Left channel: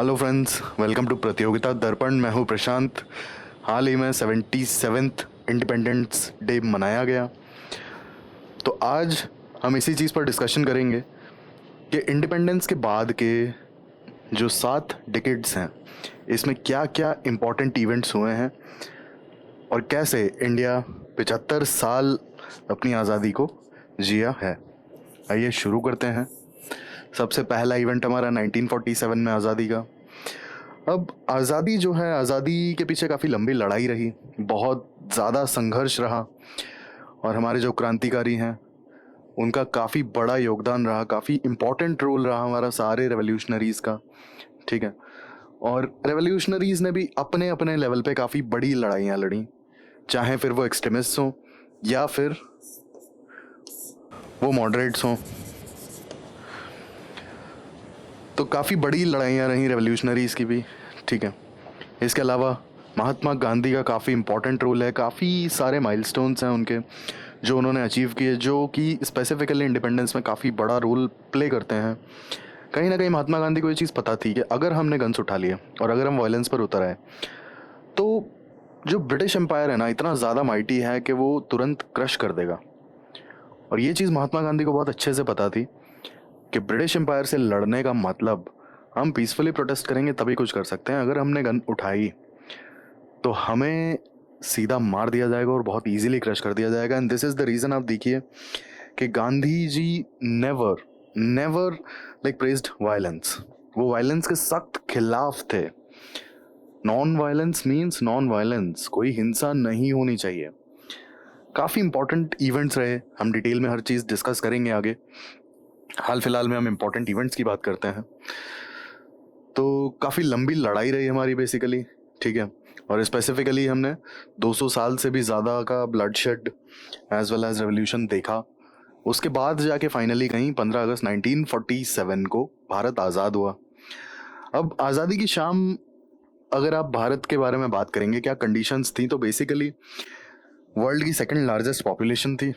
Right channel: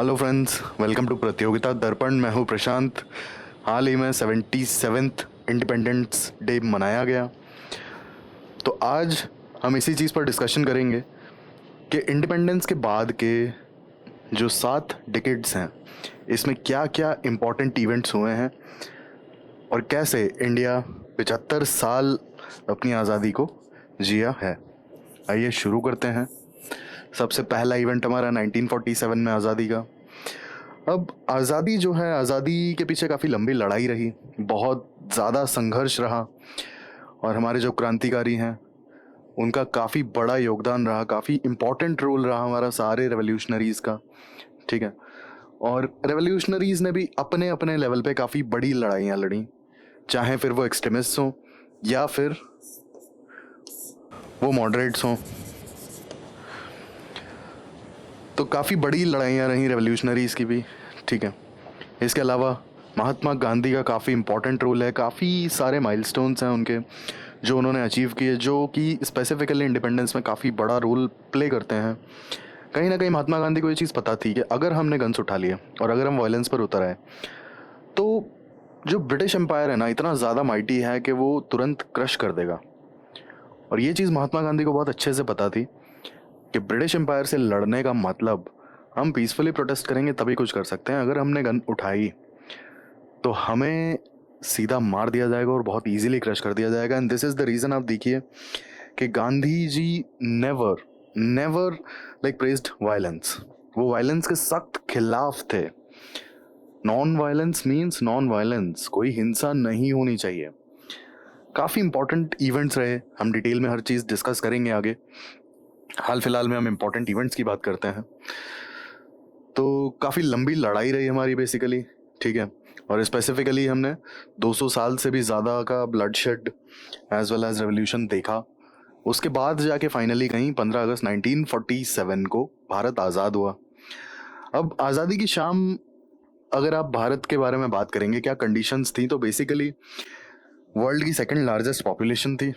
Hello friends, welcome to प्रतियोगिता दर्पण। मैं हूं प्रशांत। हाल ही में 77th इंडिपेंडेंस डे मनाया गया, तो आज हम इसी चीज़ पर डिस्कशन करेंगे कि इंडिपेंडेंस के बाद के जो 7 डिकेड्स हैं, इसमें क्या क्या इम्पोर्टेंट इवेंट्स हुए हैं और कैसे इंडिया 75 साल अपनी आज़ादी को जिया है। आइए शुरू करते हैं। सबसे पहला इवेंट हमारा 1947 में आज़ादी का। अब आज़ादी जो है, आज़ादी के पीछे काफ़ी लंबी लड़ाई रही, बहुत ज़्यादा संघर्ष रहा और हमारे जो क्रांतिकारी हैं उनका काफ़ी बड़ा योगदान रहा, काफ़ी इम्पोर्टेंट रोल रहा हमारा सारे रेवोल्यूशनरीज़ का। ठीक है, और रेवोल्यूशनरीज़ ने भी अपने अपने लेवल पे काफ़ी बड़ी लड़ाइयाँ लड़ी, चाहे फिर वो एक्सट्रीमिस्ट हों या फिर वो मॉडरेट्स हों। तो काफ़ी बड़ी लड़ाइयाँ रहीं रेवोल्यूशनरीज़ की भी। ठीक है, इसके अलावा महात्मा गांधी का काफ़ी इम्पोर्टेंट रोल है, काफ़ी सारे माइलस्टोन्स हैं उनके जो उन्होंने अचीव किए, जो कि स्पेसिफिकली इंडिपेंडेंस में काफ़ी बड़ा रोल प्ले करते हैं। कहीं ना कहीं महात्मा गांधी को ये चीज़ पता थी कि अगर हमने गन्स उठा लिए और अगर हम वायलेंस पर उतर आए तो जो ब्रिटिश एम्पायर है ना, इतना ज़्यादा माइटी है कि वो तुरंत क्रश कर देगा। और ये चीज़ महात्मा गांधी को बहुत अच्छे से पता थी कि ब्रिटिश एम्पायर से लड़ने का मतलब हम पीसफुली प्रोटेस्ट करेंगे तभी कुछ कर सकते हैं। अगर हमने गन उठाई तो हमें सीधा मार दिया जाएगा और बहुत इजीली क्रश कर दिया जाएगा। And this is the reason आप देखिए कि Gandhi ji never never like praised violence. वो वायलेंस के सख्त खिलाफ थे। Non violence means non violence, कोई हिंसा नहीं होनी चाहिए। काफ़ी इंपॉर्टेंट इवेंट्स रहे, हम डिटेल में हर चीज़ डिस्कस करेंगे आगे। हाल फिलहाल में हम इंपॉर्टेंट इवेंट्स की बात करते हैं। तो काफ़ी लंबी लड़ाई रही हमारी बेसिकली। ठीक है, और स्पेसिफिकली हमने 200 साल से भी ज़्यादा का bloodshed as well as revolution देखा। उसके बाद जाके फाइनली कहीं 15 अगस्त 1947 को भारत आज़ाद हुआ। अब आज़ादी की शाम अगर आप भारत के बारे में बात करेंगे, क्या कंडीशंस थी, तो बेसिकली वर्ल्ड की सेकंड लार्जेस्ट पॉपुलेशन थी,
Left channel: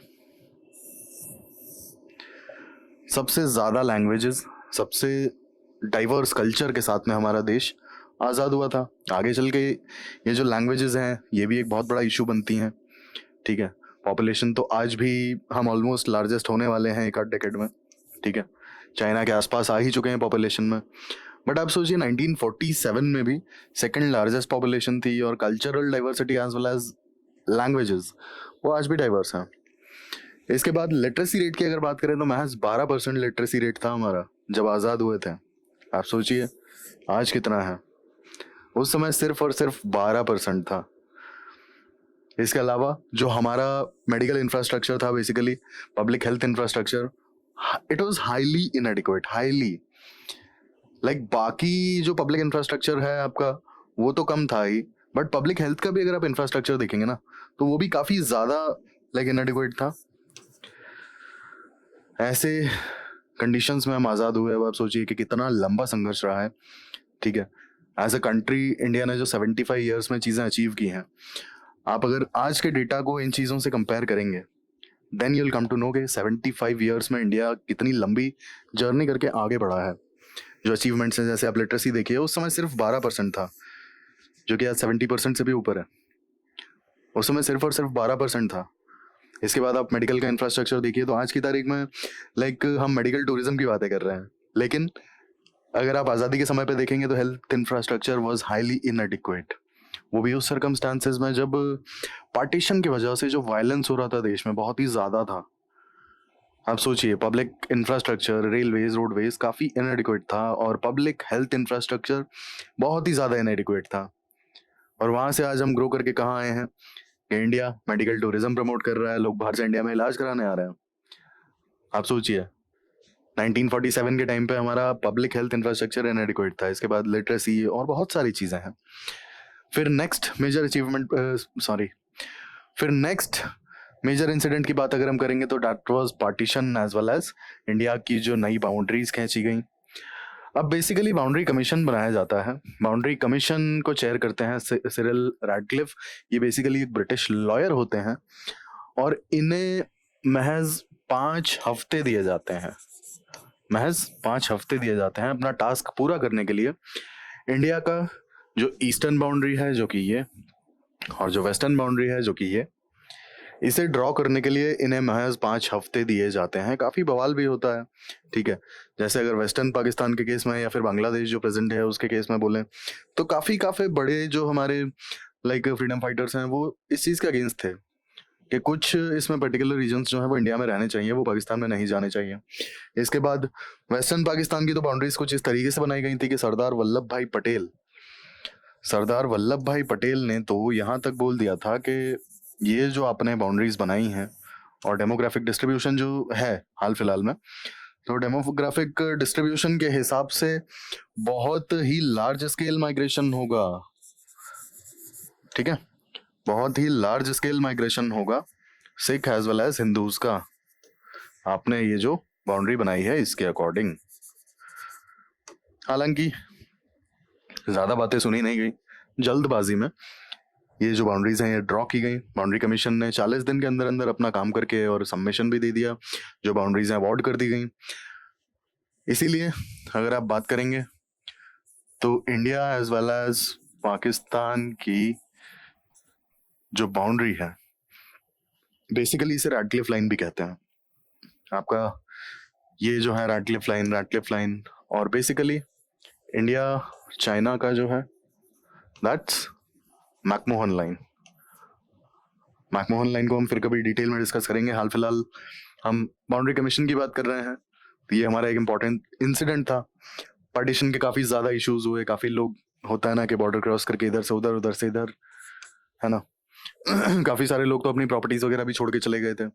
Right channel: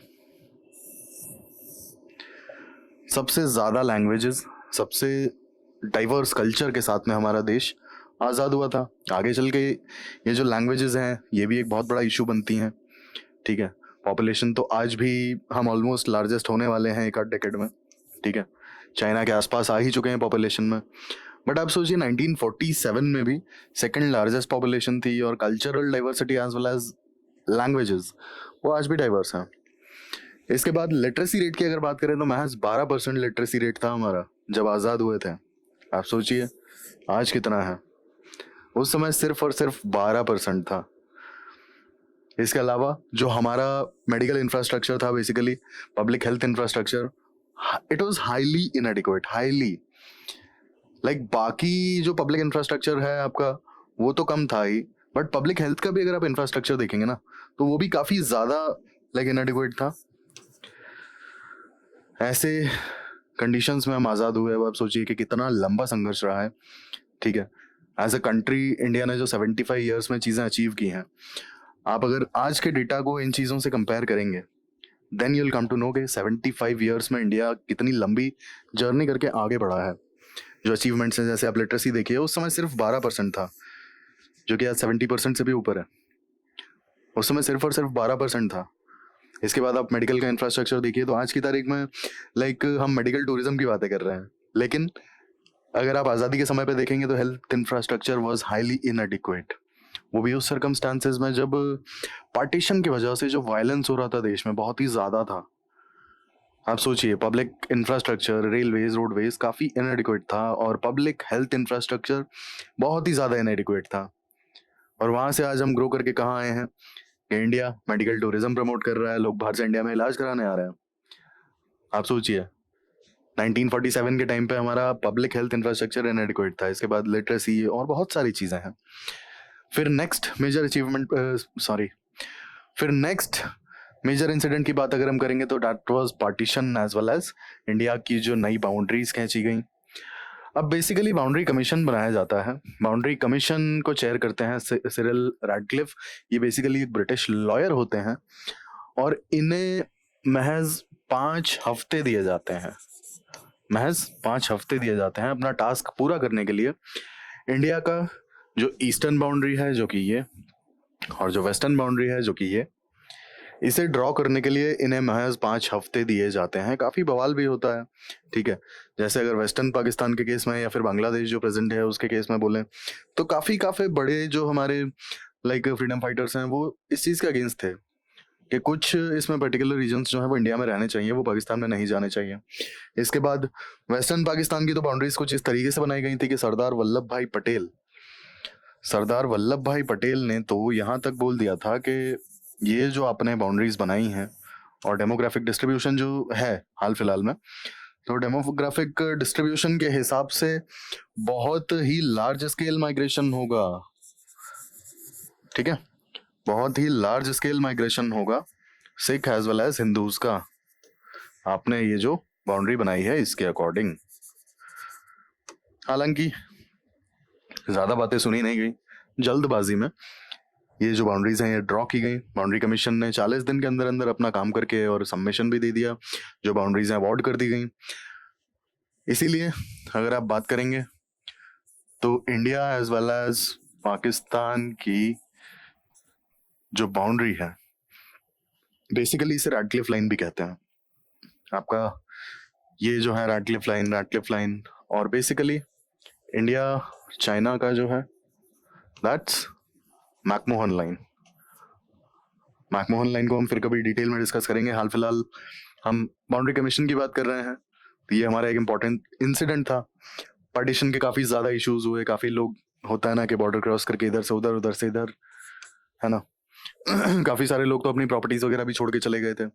सबसे ज़्यादा लैंग्वेजेस, सबसे डाइवर्स कल्चर के साथ में हमारा देश आज़ाद हुआ था। आगे चल के ये जो लैंग्वेजेस हैं ये भी एक बहुत बड़ा इशू बनती हैं। ठीक है, पॉपुलेशन तो आज भी हम ऑलमोस्ट लार्जेस्ट होने वाले हैं एक आध डेकेड में। ठीक है, चाइना के आसपास आ ही चुके हैं पॉपुलेशन में। बट आप सोचिए 1947 में भी सेकंड लार्जेस्ट पॉपुलेशन थी और cultural diversity as well as languages वो आज भी डाइवर्स हैं। इसके बाद लिटरेसी रेट की अगर बात करें तो महज 12% लिटरेसी रेट था हमारा जब आज़ाद हुए थे। आप सोचिए आज कितना है। उस समय सिर्फ और सिर्फ 12% था। इसके अलावा जो हमारा मेडिकल इंफ्रास्ट्रक्चर था, basically public health infrastructure, it was highly इनएडिक्वेट, highly like बाकी जो पब्लिक इंफ्रास्ट्रक्चर है आपका वो तो कम था ही, बट पब्लिक हेल्थ का भी अगर आप इंफ्रास्ट्रक्चर देखेंगे ना तो वो भी काफ़ी ज़्यादा लाइक इनएडिक्वेट था। ऐसे कंडीशंस में हम आज़ाद हुए। अब आप सोचिए कि कितना लंबा संघर्ष रहा है। ठीक है, एज अ कंट्री इंडिया ने जो 75 ईयर्स में चीज़ें अचीव की हैं, आप अगर आज के डेटा को इन चीज़ों से कंपेयर करेंगे then you will come to know कि 75 ईयर्स में इंडिया कितनी लंबी जर्नी करके आगे बढ़ा है। जो अचीवमेंट्स हैं, जैसे आप लिटरेसी देखिए, उस समय सिर्फ 12% था, जो कि आज 70% से भी ऊपर है। उस समय सिर्फ और सिर्फ 12% था। इसके बाद आप मेडिकल का इंफ्रास्ट्रक्चर देखिए, तो आज की तारीख में लाइक हम मेडिकल टूरिज्म की बातें कर रहे हैं, लेकिन अगर आप आज़ादी के समय पे देखेंगे तो हेल्थ इंफ्रास्ट्रक्चर वाज हाईली इनएडिक्वेट। वो भी उस सर्कमस्टांसेस में जब पार्टीशन की वजह से जो वायलेंस हो रहा था देश में बहुत ही ज़्यादा था। आप सोचिए, पब्लिक इंफ्रास्ट्रक्चर, रेलवेज, रोडवेज काफ़ी इनएडिक्वेट था और पब्लिक हेल्थ इंफ्रास्ट्रक्चर बहुत ही ज़्यादा इनएडिक्वेट था। और वहाँ से आज हम ग्रो करके कहाँ आए हैं कि इंडिया मेडिकल टूरिज्म प्रमोट कर रहा है, लोग बाहर से इंडिया में इलाज कराने आ रहे हैं। आप सोचिए 1947 के टाइम पे हमारा पब्लिक हेल्थ इंफ्रास्ट्रक्चर इनएडिक्वेट था। इसके बाद लिटरेसी और बहुत सारी चीज़ें हैं। फिर नेक्स्ट मेजर अचीवमेंट फिर नेक्स्ट मेजर इंसिडेंट की बात अगर हम करेंगे तो that was partition as well as India की जो नई बाउंड्रीज खींची गई। अब बेसिकली बाउंड्री कमीशन बनाया जाता है। बाउंड्री कमीशन को चेयर करते हैं सिरिल रैडक्लिफ। ये बेसिकली एक ब्रिटिश लॉयर होते हैं और इन्हें महज 5 हफ्ते दिए जाते हैं। महज 5 हफ्ते दिए जाते हैं अपना टास्क पूरा करने के लिए। इंडिया का जो ईस्टर्न बाउंड्री है जो कि ये, और जो वेस्टर्न बाउंड्री है जो कि ये, इसे ड्रॉ करने के लिए इन्हें महज 5 हफ्ते दिए जाते हैं। काफ़ी बवाल भी होता है, ठीक है। जैसे अगर वेस्टर्न पाकिस्तान के केस में या फिर बांग्लादेश जो प्रेजेंट है उसके केस में बोलें, तो काफ़ी काफ़ी बड़े जो हमारे लाइक फ्रीडम फाइटर्स हैं वो इस चीज़ के अगेंस्ट थे कि कुछ इसमें पर्टिकुलर रीजन्स जो है वो इंडिया में रहने चाहिए, वो पाकिस्तान में नहीं जाने चाहिए। इसके बाद वेस्टर्न पाकिस्तान की तो बाउंड्रीज कुछ इस तरीके से बनाई गई थी कि सरदार वल्लभ भाई पटेल ने तो यहाँ तक बोल दिया था कि ये जो आपने बाउंड्रीज बनाई हैं और डेमोग्राफिक डिस्ट्रीब्यूशन जो है हाल फिलहाल में, तो डेमोग्राफिक डिस्ट्रीब्यूशन के हिसाब से बहुत ही लार्ज स्केल माइग्रेशन होगा, ठीक है, बहुत ही लार्ज स्केल माइग्रेशन होगा Sikh as well as Hindus का। आपने ये जो बाउंड्री बनाई है इसके अकॉर्डिंग, हालांकि ज्यादा बातें सुनी नहीं गई, जल्दबाजी में ये जो बाउंड्रीज हैं ये ड्रॉ की गई। बाउंड्री कमीशन ने 40 दिन के अंदर अंदर अपना काम करके और सबमिशन भी दे दिया, जो बाउंड्रीज हैं अवॉर्ड कर दी गई। इसीलिए अगर आप बात करेंगे तो India as well as Pakistan की जो बाउंड्री है, बेसिकली इसे रैडक्लिफ लाइन भी कहते हैं। आपका ये जो है रैडक्लिफ लाइन, और बेसिकली इंडिया चाइना का जो है that's McMahon line. McMahon line को हम फिर कभी डिटेल में डिस्कस करेंगे। हाल फिलहाल हम बाउंड्री कमीशन की बात कर रहे हैं, तो ये हमारा एक इम्पॉर्टेंट इंसिडेंट था। पार्टीशन के काफ़ी ज़्यादा इश्यूज हुए, काफ़ी लोग होता है ना कि बॉर्डर क्रॉस करके इधर से उधर, उधर से इधर, है ना काफ़ी सारे लोग तो अपनी प्रॉपर्टीज वगैरह भी छोड़ के चले गए थे,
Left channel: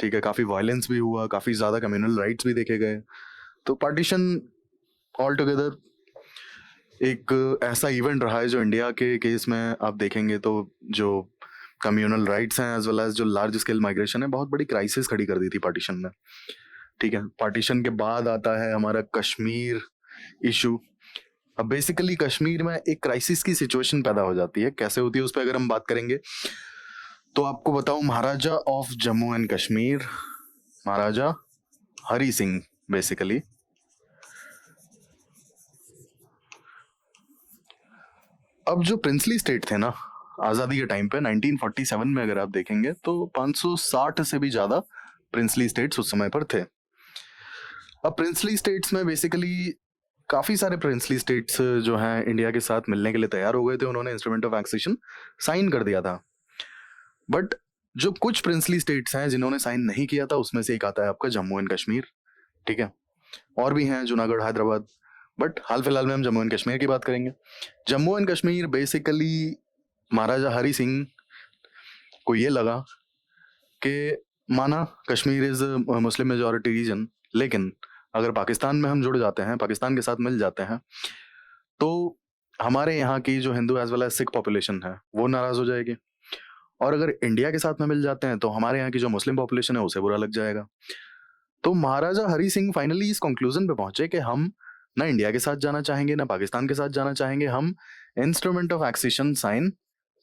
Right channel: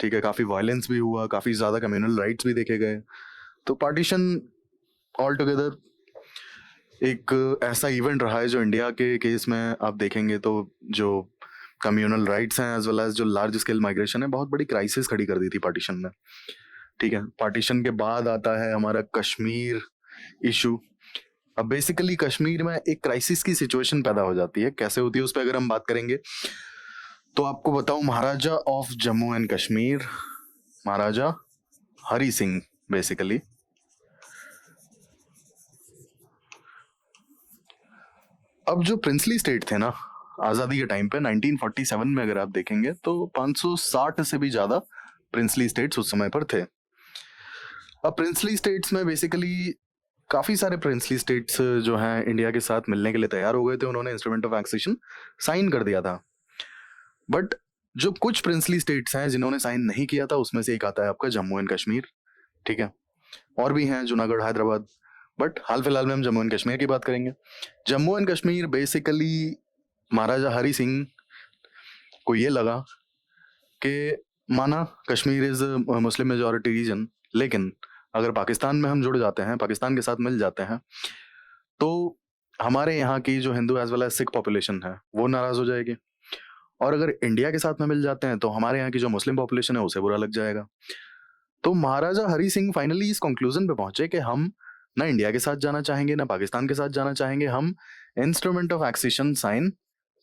ठीक है। काफ़ी वायलेंस भी हुआ, काफ़ी ज़्यादा कम्युनल राइट्स भी देखे गए। तो पार्टीशन ऑल टुगेदर एक ऐसा इवेंट रहा है जो इंडिया के केस में आप देखेंगे तो जो कम्युनल राइट्स हैं एज वेल एज जो लार्ज स्केल माइग्रेशन है, बहुत बड़ी क्राइसिस खड़ी कर दी थी पार्टीशन में, ठीक है। पार्टीशन के बाद आता है हमारा कश्मीर इशू। अब बेसिकली कश्मीर में एक क्राइसिस की सिचुएशन पैदा हो जाती है। कैसे होती है उस पर अगर हम बात करेंगे तो आपको बताऊं, Maharaja of Jammu and Kashmir, Maharaja Hari Singh, basically अब जो प्रिंसली स्टेट थे ना आजादी के टाइम पे 1947 में अगर आप देखेंगे तो 560 से भी ज्यादा प्रिंसली स्टेट्स उस समय पर थे। अब प्रिंसली स्टेट्स में बेसिकली काफी सारे प्रिंसली स्टेट्स जो हैं इंडिया के साथ मिलने के लिए तैयार हो गए थे, उन्होंने इंस्ट्रूमेंट ऑफ एक्सेशन साइन कर दिया था। बट जो कुछ प्रिंसली स्टेट्स हैं जिन्होंने साइन नहीं किया था उसमें से एक आता है आपका जम्मू एंड कश्मीर, ठीक है। और भी हैं जूनागढ़, हैदराबाद, बट हाल फिलहाल में हम जम्मू एंड कश्मीर की बात करेंगे। जम्मू एंड कश्मीर बेसिकली महाराजा हरी सिंह को ये लगा कि माना Kashmir is Muslim majority region, लेकिन अगर पाकिस्तान में हम जुड़ जाते हैं, पाकिस्तान के साथ मिल जाते हैं, तो हमारे यहाँ की जो Hindu as well as Sikh population है वो नाराज हो जाएगी, और अगर इंडिया के साथ में मिल जाते हैं तो हमारे यहाँ की जो मुस्लिम पॉपुलेशन है उसे बुरा लग जाएगा। तो महाराजा हरी सिंह फाइनली इस कंक्लूजन पे पहुंचे कि हम ना इंडिया के साथ जाना चाहेंगे ना पाकिस्तान के साथ जाना चाहेंगे, हम इंस्ट्रूमेंट ऑफ एक्सेशन साइन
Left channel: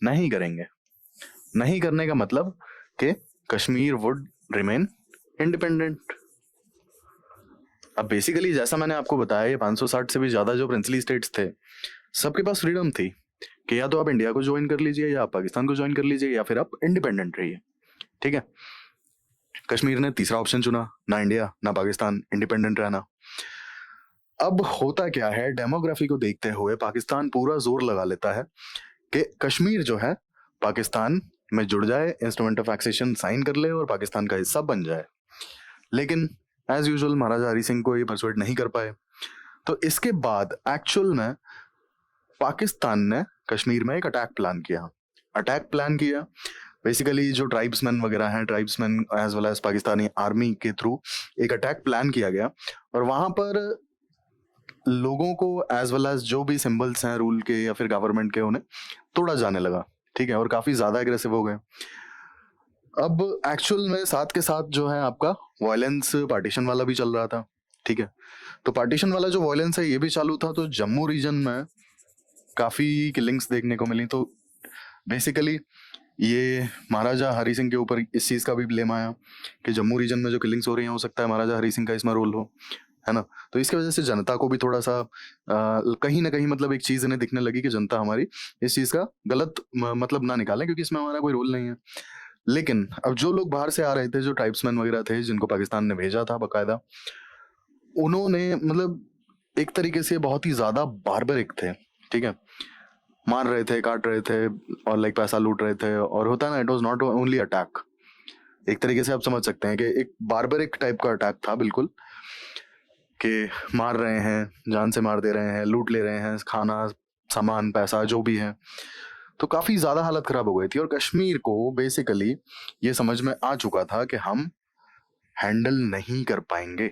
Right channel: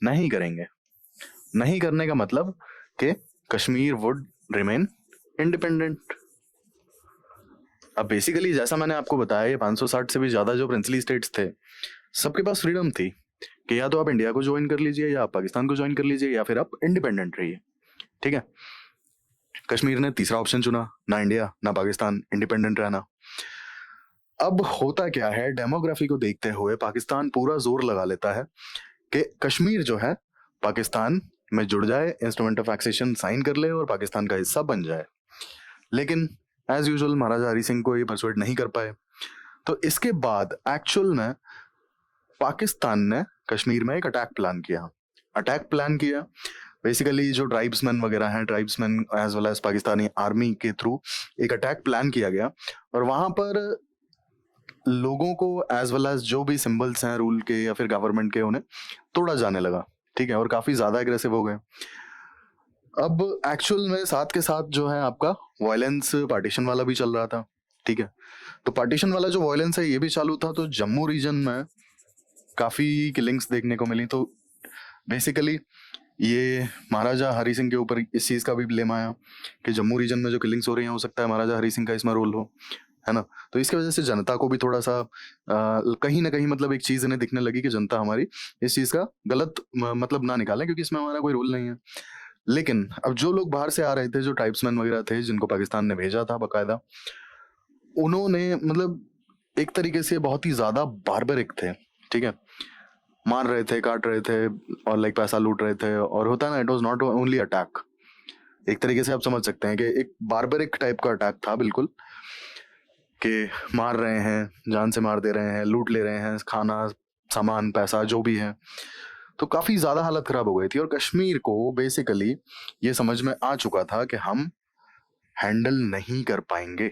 नहीं करेंगे। नहीं करने का मतलब कि कश्मीर वुड रिमेन इंडिपेंडेंट। अब बेसिकली जैसा मैंने आपको बताया, ये 560 से भी ज्यादा जो प्रिंसली स्टेट्स थे, सबके पास फ्रीडम थी कि या तो आप इंडिया को ज्वाइन कर लीजिए या आप पाकिस्तान को ज्वाइन कर लीजिए या फिर आप इंडिपेंडेंट रहिए, ठीक है। कश्मीर ने तीसरा ऑप्शन चुना, ना इंडिया ना पाकिस्तान, इंडिपेंडेंट रहना। अब होता क्या है, डेमोग्राफी को देखते हुए पाकिस्तान पूरा जोर लगा लेता है कि कश्मीर जो है पाकिस्तान में जुड़ जाए, इंस्ट्रूमेंट ऑफ एक्सेशन साइन कर ले और पाकिस्तान का हिस्सा बन जाए। लेकिन एज यूजुअल महाराजा हरी सिंह को ये परसुएट नहीं कर पाए। तो इसके बाद एक्चुअल में पाकिस्तान ने कश्मीर में एक अटैक प्लान किया। बेसिकली जो ट्राइब्समैन वगैरह हैं, tribesman as well as Pakistani army के थ्रू एक अटैक प्लान किया गया, और वहां पर लोगों को एज वेल एज जो भी सिंबल्स हैं रूल के या फिर गवर्नमेंट के, उन्हें तोड़ा जाने लगा, ठीक है, और काफी ज्यादा एग्रेसिव हो गए। अब एक्चुअल में साथ के साथ जो है आपका वायलेंस पार्टीशन वाला भी चल रहा था, ठीक है। तो पार्टीशन वाला जो वायलेंस है ये भी चालू था, तो जम्मू रीजन में काफी किलिंग्स देखने को मिली। तो बेसिकली ये महाराजा हरी सिंह के ऊपर इस चीज का भी ब्लेम आया कि जम्मू रीजन में जो किलिंग्स हो रही हैं हो सकता है महाराजा हरी सिंह का इसमें रोल हो। है ना? तो इसकी वजह से जनता को भी थोड़ा-सा कहीं न कहीं मतलब एक चीज़ इन्हें दिखने लगी कि जनता हमारी इस चीज़ का गलत मतलब ना निकाले, क्योंकि इसमें हमारा कोई रोल नहीं है। लेकिन अब जो लोग बाहर से आ रहे थे, जो ट्राइब्समैन वगैरह थे, जिनको पाकिस्तान ने भेजा था बाकायदा, उन्होंने मतलब एक तरीके से बहुत ही ज़्यादा बार्बरिक थे, ठीक है? मार रहे थे, काट रहे थे और लाइक पैसा लूट रहे थे, और होता है ना, it was not only attack. एक तरीके से आप समझ सकते हैं कि एक बार्बरिक टाइप का अटैक था बिल्कुल, कि मार रहे हैं, जान से मार दे रहे हैं, लूट ले रहे हैं, खाना, सामान, पैसा जो भी है। तो काफ़ी ज़्यादा हालत ख़राब हो गई थी, और कश्मीर को बेसिकली ये समझ में आ चुका था कि हम हैंडल नहीं कर पाएँगे।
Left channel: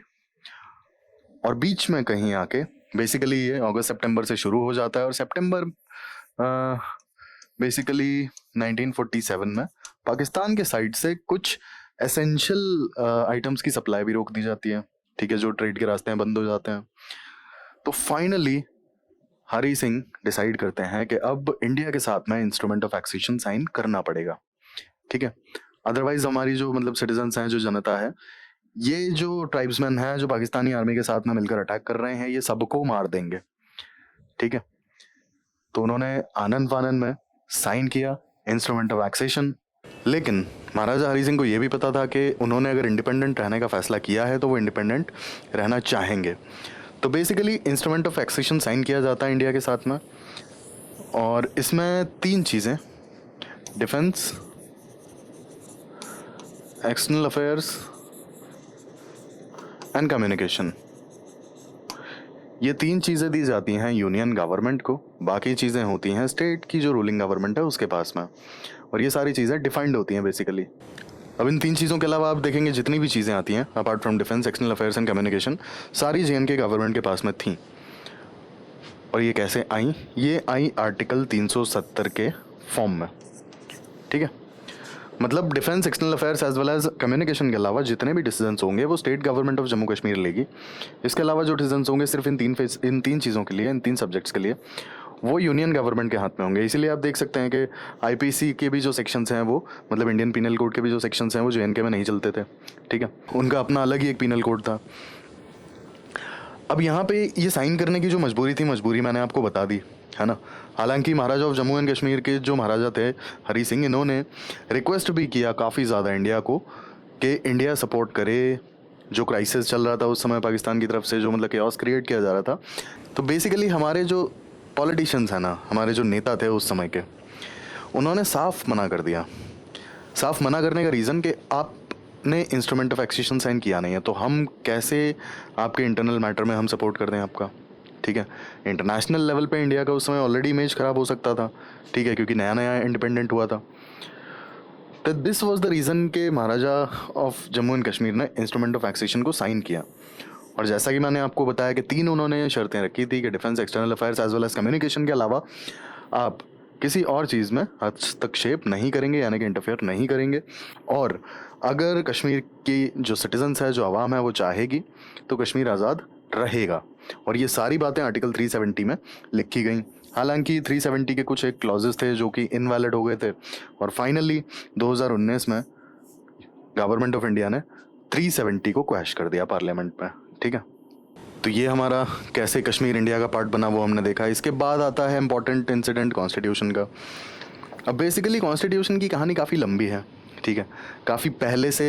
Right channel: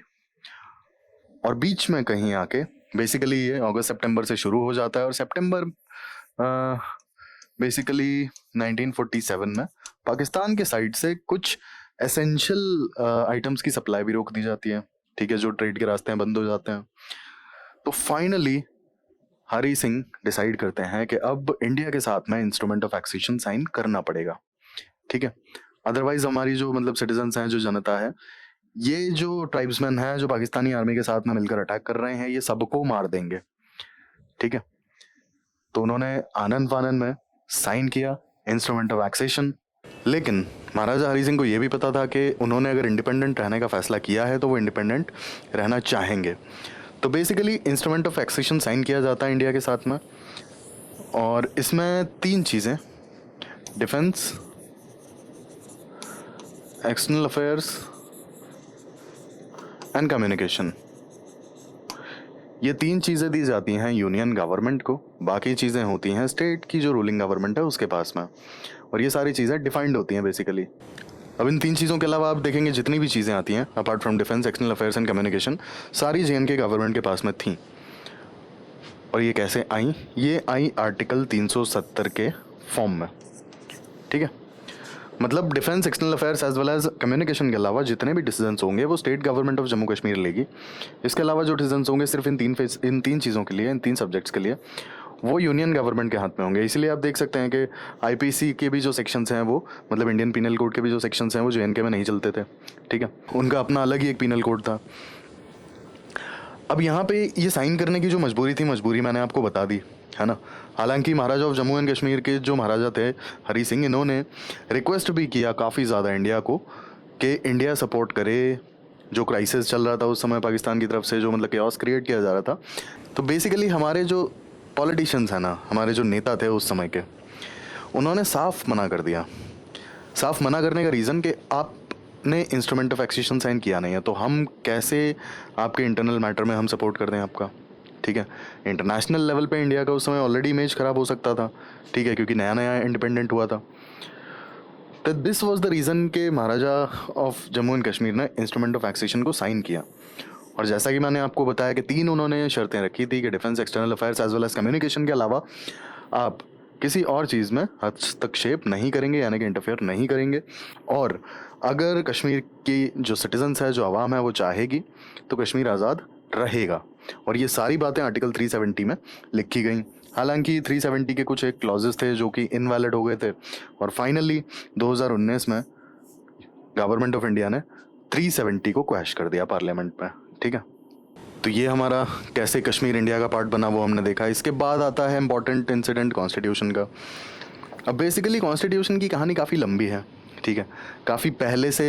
और बीच में कहीं आके बेसिकली ये अगस्त सितंबर से शुरू हो जाता है, और सितंबर बेसिकली 1947 में पाकिस्तान के साइड से कुछ एसेंशियल आइटम्स की सप्लाई भी रोक दी जाती है, ठीक है, जो ट्रेड के रास्ते में बंद हो जाते हैं। तो फाइनली हरी सिंह डिसाइड करते हैं कि अब इंडिया के साथ में इंस्ट्रूमेंट ऑफ एक्सेशन साइन करना पड़ेगा, ठीक है, अदरवाइज हमारी जो मतलब सिटीजन्स हैं, जो जनता है, ये जो ट्राइब्समैन हैं, जो पाकिस्तानी आर्मी के साथ में मिलकर अटैक कर रहे हैं, ये सबको मार देंगे, ठीक है। तो उन्होंने आनंद फानंद में साइन किया इंस्ट्रूमेंट ऑफ एक्सेशन। लेकिन महाराजा हरी सिंह को ये भी पता था कि उन्होंने अगर इंडिपेंडेंट रहने का फैसला किया है तो वो इंडिपेंडेंट रहना चाहेंगे। तो basically instrument of accession sign किया जाता है इंडिया के साथ में, और इसमें 3 चीज़ें, defence, external affairs and communication, ये 3 चीज़ें दी जाती हैं यूनियन गवर्नमेंट को, बाकी चीज़ें होती हैं स्टेट की जो रूलिंग गवर्नमेंट है उसके पास में, और ये सारी चीज़ें डिफाइंड होती हैं बेसिकली। अब इन 3 चीज़ों के अलावा आप देखेंगे जितनी भी चीज़ें आती हैं apart from defence, external affairs and communication, सारी JNK गवर्नमेंट के पास में थी। और ये कैसे आई? ये आई आर्टिकल 370 के फॉर्म में, ठीक है। मतलब defence, external affairs as well as communication के अलावा जितने भी डिसीजंस होंगे वो state government of Jammu Kashmir लेगी। इसके अलावा जो डिसीजंस होंगे सिर्फ इन 3 चीज़ों के लिए, इन 3 सब्जेक्ट्स के लिए, वो यूनियन गवर्नमेंट के हाथ में होंगे। इसीलिए आप देख सकते हैं कि IPC के भी जो सेक्शंस हैं वो, मतलब इंडियन पीनल कोड के भी जो सेक्शंस हैं वो JNK में नहीं चलते थे, ठीक है, उनका अपना अलग ही एक पीनल कोड था। अब यहाँ पे ये साइन करने की जो मजबूरी थी, मजबूरी मैंने आपको बता दी, है ना। हालांकि महाराजा ऑफ जम्मू एंड कश्मीर के जो महाराजा थे हरी सिंह, इन्होंने रिक्वेस्ट भी किया काफ़ी ज़्यादा इंडिया को कि इंडिया सपोर्ट करे, जो क्राइसिस चल रहा था उस समय पाकिस्तान की तरफ से, जो मतलब केओस क्रिएट किया जा रहा था। तो बेसिकली हमारे जो पॉलिटिशियंस हैं ना, हमारे जो नेता थे उस समय के, उन्होंने साफ मना कर दिया। साफ मना करने का रीज़न कि आपने इंस्ट्रूमेंट ऑफ एक्सेशन साइन किया नहीं है, तो हम कैसे आपके इंटरनल मैटर में हम सपोर्ट कर दें आपका, ठीक है। इंटरनेशनल लेवल पे इंडिया का उस समय ऑलरेडी इमेज ख़राब हो सकता था, ठीक है, क्योंकि नया नया इंडिपेंडेंट हुआ था। तो दिस वाज द रीज़न कि महाराजा ऑफ जम्मू एंड कश्मीर ने इंस्ट्रूमेंट ऑफ एक्सेशन को साइन किया। और जैसा कि मैंने आपको बताया कि 3 उन्होंने शर्तें रखी थी कि defence, external affairs as well as communication के अलावा आप किसी और चीज़ में हस्तक्षेप नहीं करेंगे, यानी कि इंटरफेयर नहीं करेंगे। और अगर कश्मीर की जो सिटीजन्स है, जो आवाम है, वो चाहेगी तो कश्मीर आज़ाद रहेगा। और ये सारी बातें आर्टिकल 370 में लिखी गई। हालांकि 370 के कुछ एक क्लॉजेस थे जो कि इनवैलिड हो गए थे, और फाइनली 2019 में गवर्नमेंट ऑफ इंडिया ने 370 को क्वैश कर दिया पार्लियामेंट में, ठीक है। तो ये हमारा कैसे कश्मीर इंडिया का पार्ट बना वो हमने देखा। इसके बाद आता है इम्पोर्टेंट इंसिडेंट कॉन्स्टिट्यूशन का। अब बेसिकली कॉन्स्टिट्यूशन की कहानी काफ़ी लंबी है, ठीक है। काफ़ी पहले से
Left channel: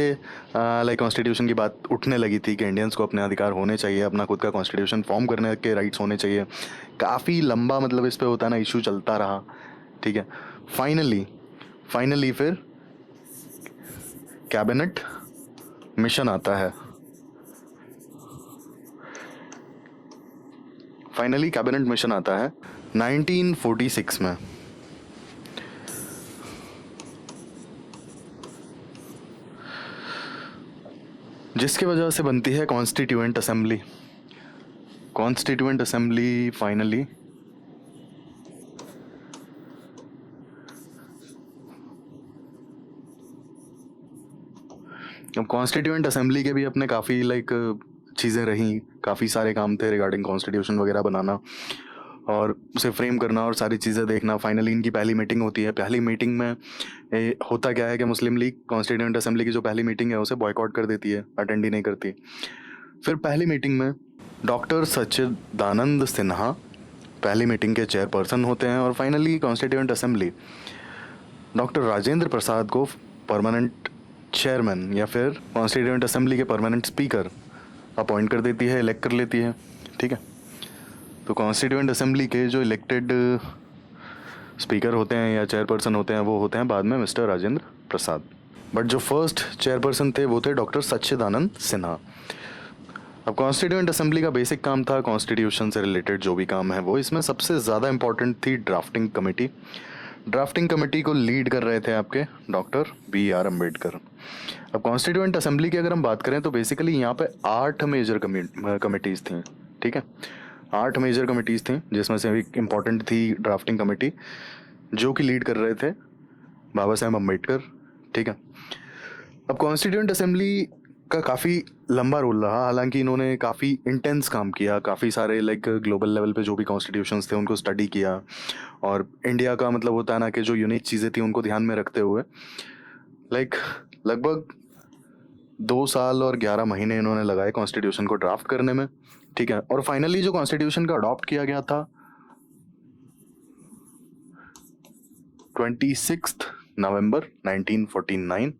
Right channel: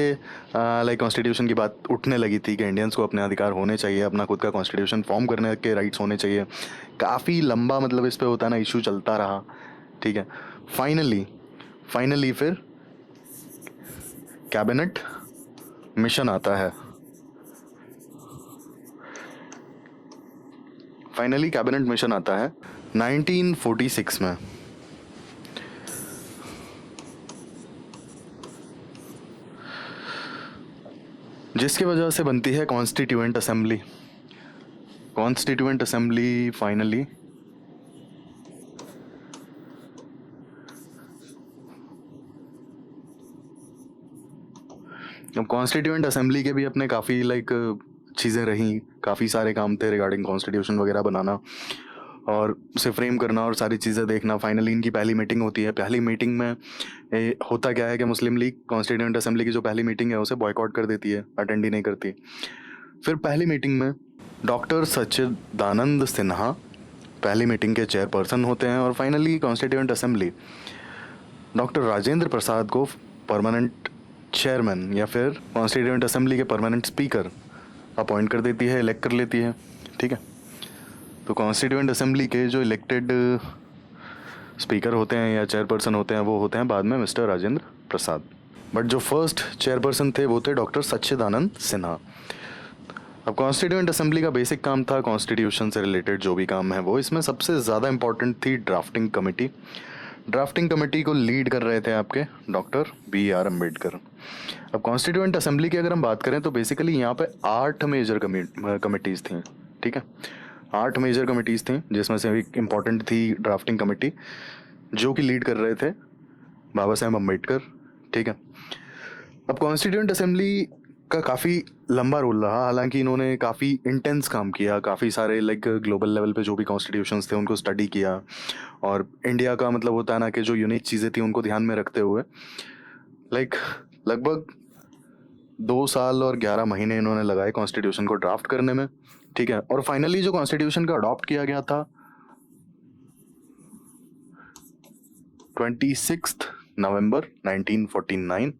लाइक कॉन्स्टिट्यूशन की बात उठने लगी थी कि इंडियंस को अपने अधिकार होने चाहिए, अपना खुद का कॉन्स्टिट्यूशन फॉर्म करने के राइट्स होने चाहिए। काफ़ी लंबा मतलब इस पे होता है ना, इशू चलता रहा, ठीक है। फाइनली फिर कैबिनेट मिशन आता है। फाइनली कैबिनेट मिशन आता है 1946 में। जिसकी वजह से बनती है constituent assembly. Constituent assembly finally constituent assembly के भी अपने काफ़ी लाइक चीज़ें रही, काफ़ी सारे काम थे रिगार्डिंग कॉन्स्टिट्यूशन वगैरह बनाना और उसे फ्रेम करना और सारी चीज़ें देखना। फाइनली इनकी पहली मीटिंग होती है। पहली मीटिंग में होता क्या है कि मुस्लिम लीग कॉन्स्टिट्यूएंट असेंबली की जो पहली मीटिंग है उसे बॉयकॉट कर देती है, अटेंड ही नहीं करती। फिर पहली मीटिंग में डॉक्टर सच्चिदानंद सिन्हा पहली मीटिंग के चेयरपर्सन होते हैं और finally constituent assembly doctor Rajendra Prasad को परमानेंट चेयरमैन या फिर कॉन्स्टिट्यूएंट असेंबली के परमानेंट स्पीकर अपॉइंट कर देती है, इलेक्ट कर लेती है। ठीक है, तो कॉन्स्टिट्यूएंट असेंबली के जो इलेक्टेड स्पीकर होते हैं या चेयरपर्सन होते हैं वो होते हैं बाद में मिस्टर राजेंद्र प्रसाद। बट जो फर्स्ट चेयरपर्सन थे वो थे डॉक्टर सच्चिदानंद सिन्हा। अब कॉन्स्टिट्यूएंट असेंबली का बेसिक काम था कॉन्स्टिट्यूशन से रिलेटेड जो भी काम है वो। इसमें सबसे ज़्यादा इंपॉर्टेंट थी ड्राफ्टिंग कमेटी। ड्राफ्टिंग कमेटी को लीड कर रहे थे आपके डॉक्टर BR अम्बेडकर। अब कॉन्स्टिट्यूएंट असेंबली की अगर हम बात करें तो बेसिकली यहाँ पे 8 मेजर कमिटीज़ थी। ठीक है, 8 मेजर कमिटीज़ थी जिसमें से एक इम्पॉर्टेंट थी ड्राफ्टिंग कमेटी जो कि लीड कर रहे थे बाबा साहेब अम्बेडकर। ठीक है, अब कॉन्स्टिट्यूएंट असेंबली का काफ़ी लंबा रोल रहा, हालांकि इन्होंने काफ़ी इंटेंस काम किया, काफ़ी सारे लाइक ग्लोबल लेवल पे जो भी कॉन्स्टिट्यूशंस थे उनको स्टडी किया और इंडिया का मतलब होता है ना कि जो यूनिक चीज़ें थी उनको ध्यान में रखते हुए लाइक लगभग 2 साल और 11 महीने इन्होंने लगाए कॉन्स्टिट्यूशन को ड्राफ्ट करने में। ठीक है, और फाइनली जो कॉन्स्टिट्यूशन का अडॉप्ट किया गया था 26 नवंबर 1949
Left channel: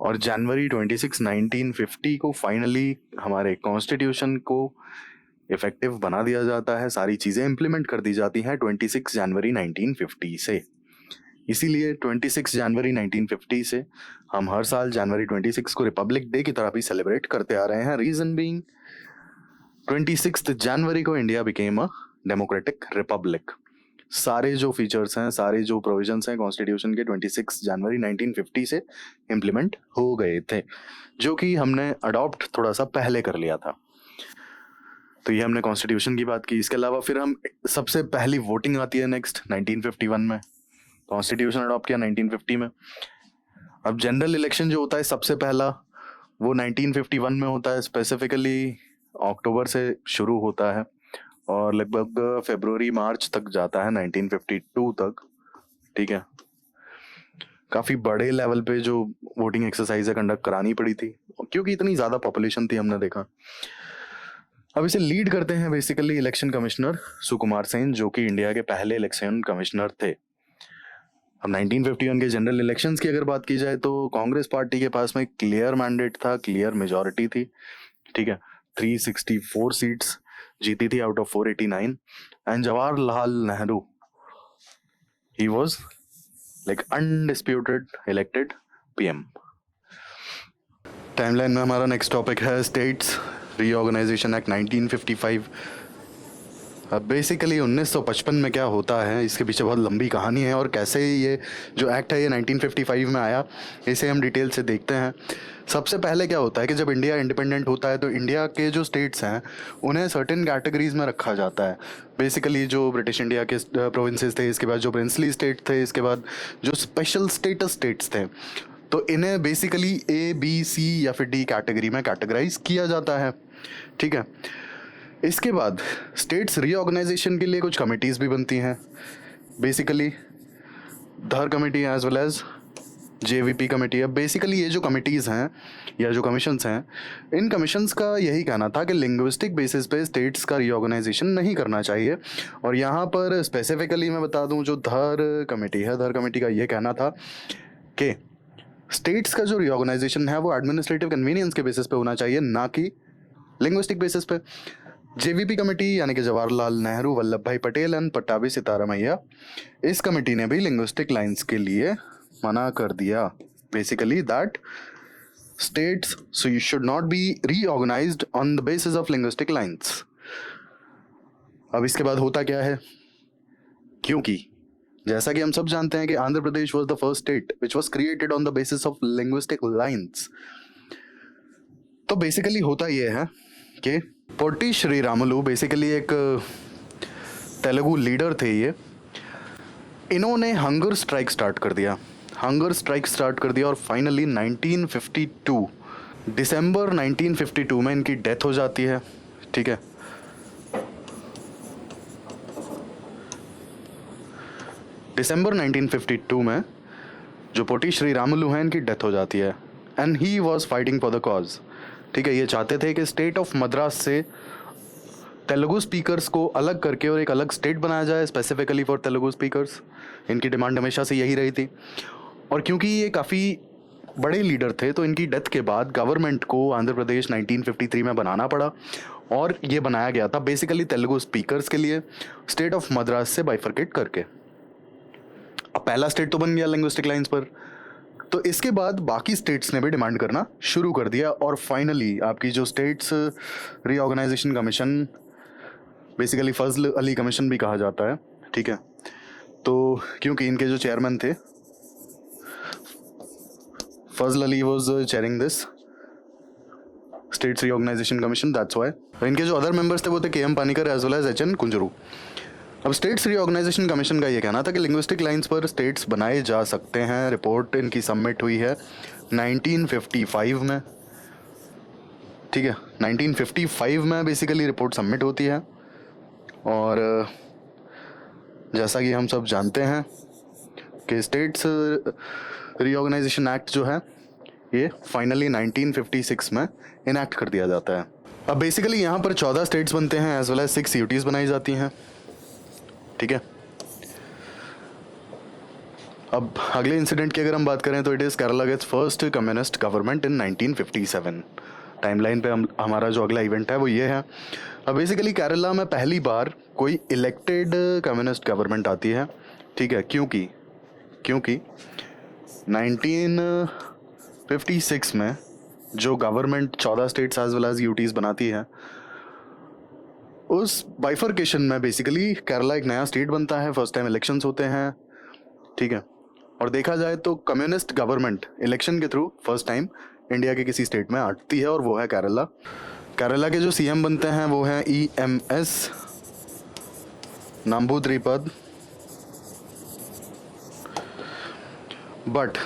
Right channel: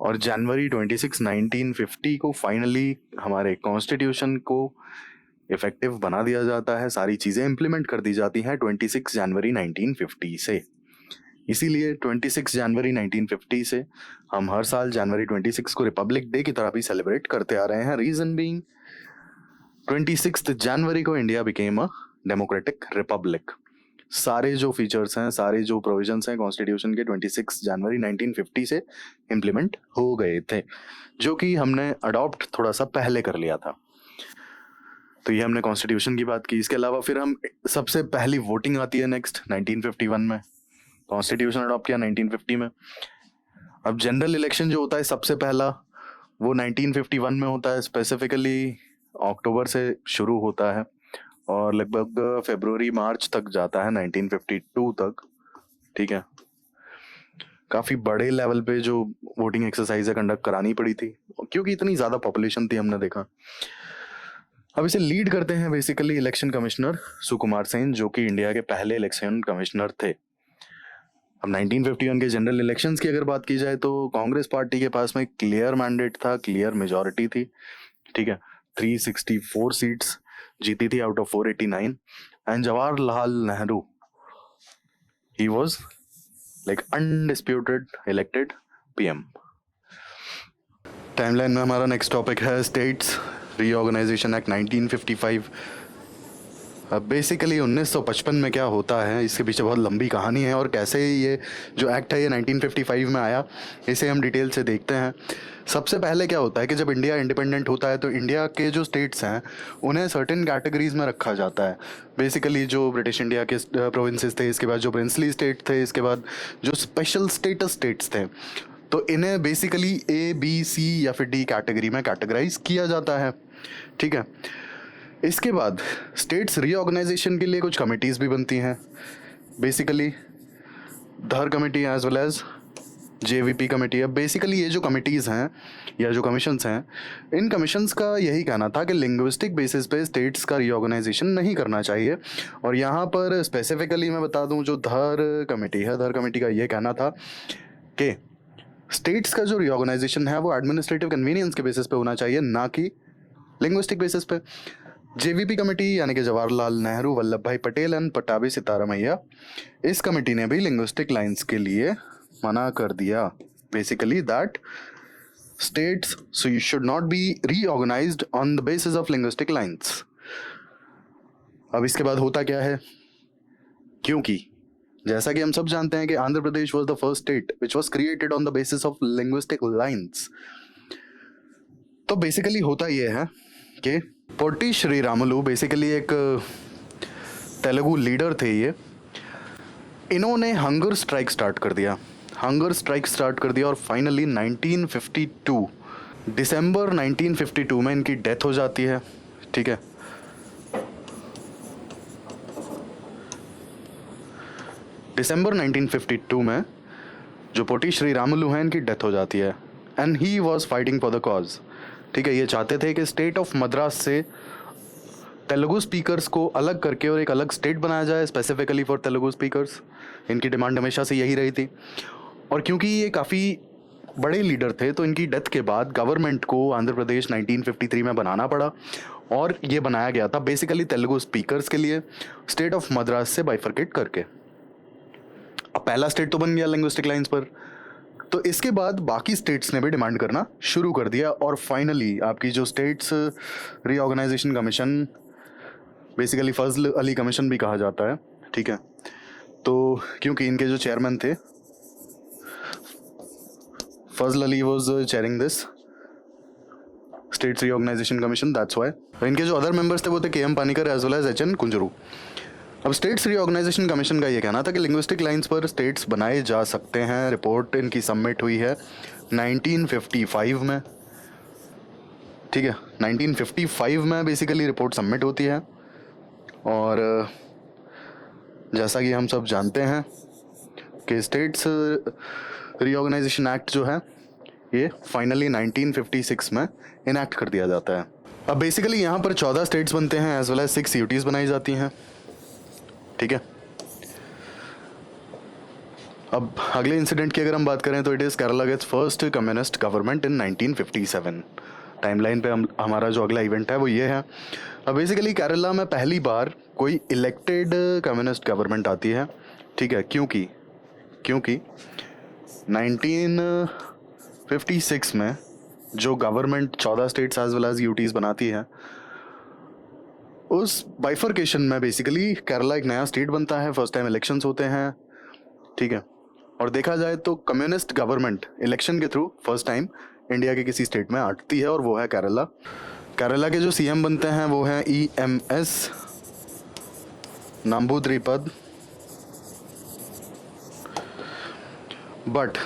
और जनवरी 26 1950 को फाइनली हमारे कॉन्स्टिट्यूशन को इफेक्टिव बना दिया जाता है। सारी चीज़ें इम्प्लीमेंट कर दी जाती हैं 26 जनवरी 1950 से। इसीलिए 26 जनवरी 1950 से हम हर साल जनवरी 26 को रिपब्लिक डे की तरह भी सेलिब्रेट करते आ रहे हैं। रीजन बीइंग 26 जनवरी को India became a democratic Republic. सारे जो फीचर्स हैं, सारे जो प्रोविजंस हैं कॉन्स्टिट्यूशन के 26 जनवरी 1950 से इम्प्लीमेंट हो गए थे, जो कि हमने अडॉप्ट थोड़ा सा पहले कर लिया था। तो ये हमने कॉन्स्टिट्यूशन की बात की। इसके अलावा फिर हम सबसे पहली वोटिंग आती है नेक्स्ट 1951 में। कॉन्स्टिट्यूशन अडॉप्ट किया 1950 में। अब जनरल इलेक्शन जो होता है सबसे पहला वो 1951 में होता है, स्पेसिफिकली अक्टूबर से शुरू होता है और लगभग फरवरी मार्च तक जाता है 1952 तक। ठीक है, काफ़ी बड़े लेवल पे जो वोटिंग एक्सरसाइज है कंडक्ट करानी पड़ी थी क्योंकि इतनी ज़्यादा पॉपुलेशन थी, हमने देखा। अब इसे लीड करते हैं basically election commissioner Sukumar Sen, जो कि इंडिया के पहले इलेक्शन कमिश्नर थे। अब 1951 के जनरल इलेक्शंस की अगर बात की जाए तो कांग्रेस पार्टी के पास में क्लियर मैंडेट था, क्लियर मेजॉरिटी थी। ठीक है, 364 सीट्स जीती थी out of 489 and Jawaharlal Nehru he was like undisputed elected PM। Timeline में हमारा नेक्स्ट टॉपिक है स्टेट्स रीऑर्गेनाइजेशन एक्ट 1955। बेसिकली 1955 में क्या होता है, इसके पीछे बहुत लंबी कहानी है और कैसे ये जो एक्ट है ये 1955 में आया, इसे हम डिटेल से देखते हैं। सबसे पहले क्या होता है कि जब इंडिया इंडिपेंडेंट होता है तो इंडिया के जो स्टेट्स हैं उन्हें सर्टेन कैटेगरीज में रखा जाता है। बेसिकली जो ब्रिटिश इंडिया के प्रोविंसेस थे, इसके बाद जो प्रिंसली स्टेट थे, इसके बाद जो स्पेशल स्टेटस स्टेट्स थे, तो इन्हें बेसिकली A, B, C या फिर D कैटेगरी में कैटेगराइज किया जाता है। ठीक है, इसके बाद स्टेट्स रीऑर्गेनाइजेशन के लिए कुछ कमिटीज़ भी बनती हैं, basically Dhar committee as well as JVP committee. अब बेसिकली ये जो कमिटीज़ हैं या जो कमीशंस हैं, इन कमीशंस का यही कहना था कि लिंग्विस्टिक बेसिस पे स्टेट्स का रीऑर्गेनाइजेशन नहीं करना चाहिए। और यहाँ पर स्पेसिफिकली मैं बता दूँ, जो धर कमेटी है, धर कमेटी का ये कहना था कि स्टेट्स का जो रीऑर्गेनाइजेशन है वो एडमिनिस्ट्रेटिव कन्वीनियंस के बेसिस पे होना चाहिए, ना कि लिंग्विस्टिक बेसिस पे। JVP कमेटी यानी कि जवाहरलाल नेहरू, वल्लभ भाई पटेल एंड पट्टाभी सितारामैया, इस कमेटी ने भी लिंग्विस्टिक लाइंस के लिए मना कर दिया। Basically that states should not be reorganised on the basis of linguistic lines. अब इसके बाद होता क्या है, क्योंकि जैसा कि हम सब जानते हैं कि Andhra Pradesh was the first state which was created on the basis of linguistic lines. तो बेसिकली होता यह है कि पोटी श्रीरामुलु बेसिकली एक तेलुगु लीडर थे ये, इन्होंने हंगर स्ट्राइक स्टार्ट कर दिया और फाइनली 1952 दिसंबर 1952 में इनकी डेथ हो जाती है। ठीक है, दिसंबर 1952 में जो पोटी श्रीरामुलु हैं इनकी डेथ हो जाती है and he was fighting for the cause. ठीक है, ये चाहते थे कि स्टेट ऑफ मद्रास से तेलुगु स्पीकर्स को अलग करके और एक अलग स्टेट बनाया जाए स्पेसिफिकली फॉर तेलुगु स्पीकर्स। इनकी डिमांड हमेशा से यही रही थी। और क्योंकि ये काफ़ी बड़े लीडर थे तो इनकी डेथ के बाद गवर्नमेंट को आंध्र प्रदेश 1953 में बनाना पड़ा, और ये बनाया गया था बेसिकली तेलुगु स्पीकर्स के लिए, स्टेट ऑफ मद्रास से बाइफरकेट करके। अब पहला स्टेट तो बन गया लिंग्विस्टिक लाइंस पर, तो इसके बाद बाकी स्टेट्स ने भी डिमांड करना शुरू कर दिया, और फाइनली आपकी जो स्टेट्स रीऑर्गेनाइजेशन कमीशन, बेसिकली फजल अली कमीशन भी कहा जाता है, ठीक है, तो क्योंकि इनके जो चेयरमैन थे Fazal Ali was chairing this states reorganisation commission, that's why. इनके जो अदर मेंबर्स थे वो थे K M. Panikkar as well as H N. Kunzru. अब स्टेट्स रीऑर्गेनाइजेशन कमीशन का ये कहना था कि लिंग्विस्टिक लाइंस पर स्टेट्स बनाए जा सकते हैं। रिपोर्ट इनकी सबमिट हुई है 1955 में, ठीक है, 1955 में बेसिकली रिपोर्ट सबमिट होती है। और जैसा कि हम सब जानते हैं कि स्टेट्स रीऑर्गेनाइजेशन एक्ट जो है ये फाइनली 1956 में इनैक्ट कर दिया जाता है। अब बेसिकली यहाँ पर 14 स्टेट्स बनते हैं एज वेल एज 6 यूटीज बनाई जाती हैं, ठीक है। अब अगले इंसिडेंट की अगर हम बात करें तो it is Kerala gets first communist government in 1957। Timeline पे हमारा जो अगला इवेंट है वो ये है। अब बेसिकली केरला में पहली बार कोई इलेक्टेड कम्युनिस्ट गवर्नमेंट आती है, ठीक है, क्योंकि 1956 में जो government 14 states as well as UTs बनाती है, उस बाइफर्केशन में बेसिकली केरला एक नया स्टेट बनता है, फर्स्ट टाइम इलेक्शंस होते हैं, ठीक है। और देखा जाए तो कम्युनिस्ट गवर्नमेंट इलेक्शन के थ्रू फर्स्ट टाइम इंडिया के किसी स्टेट में आती है, और वो है केरला। केरला के जो सीएम बनते हैं वो है EMS नंबूद्रिपद। बट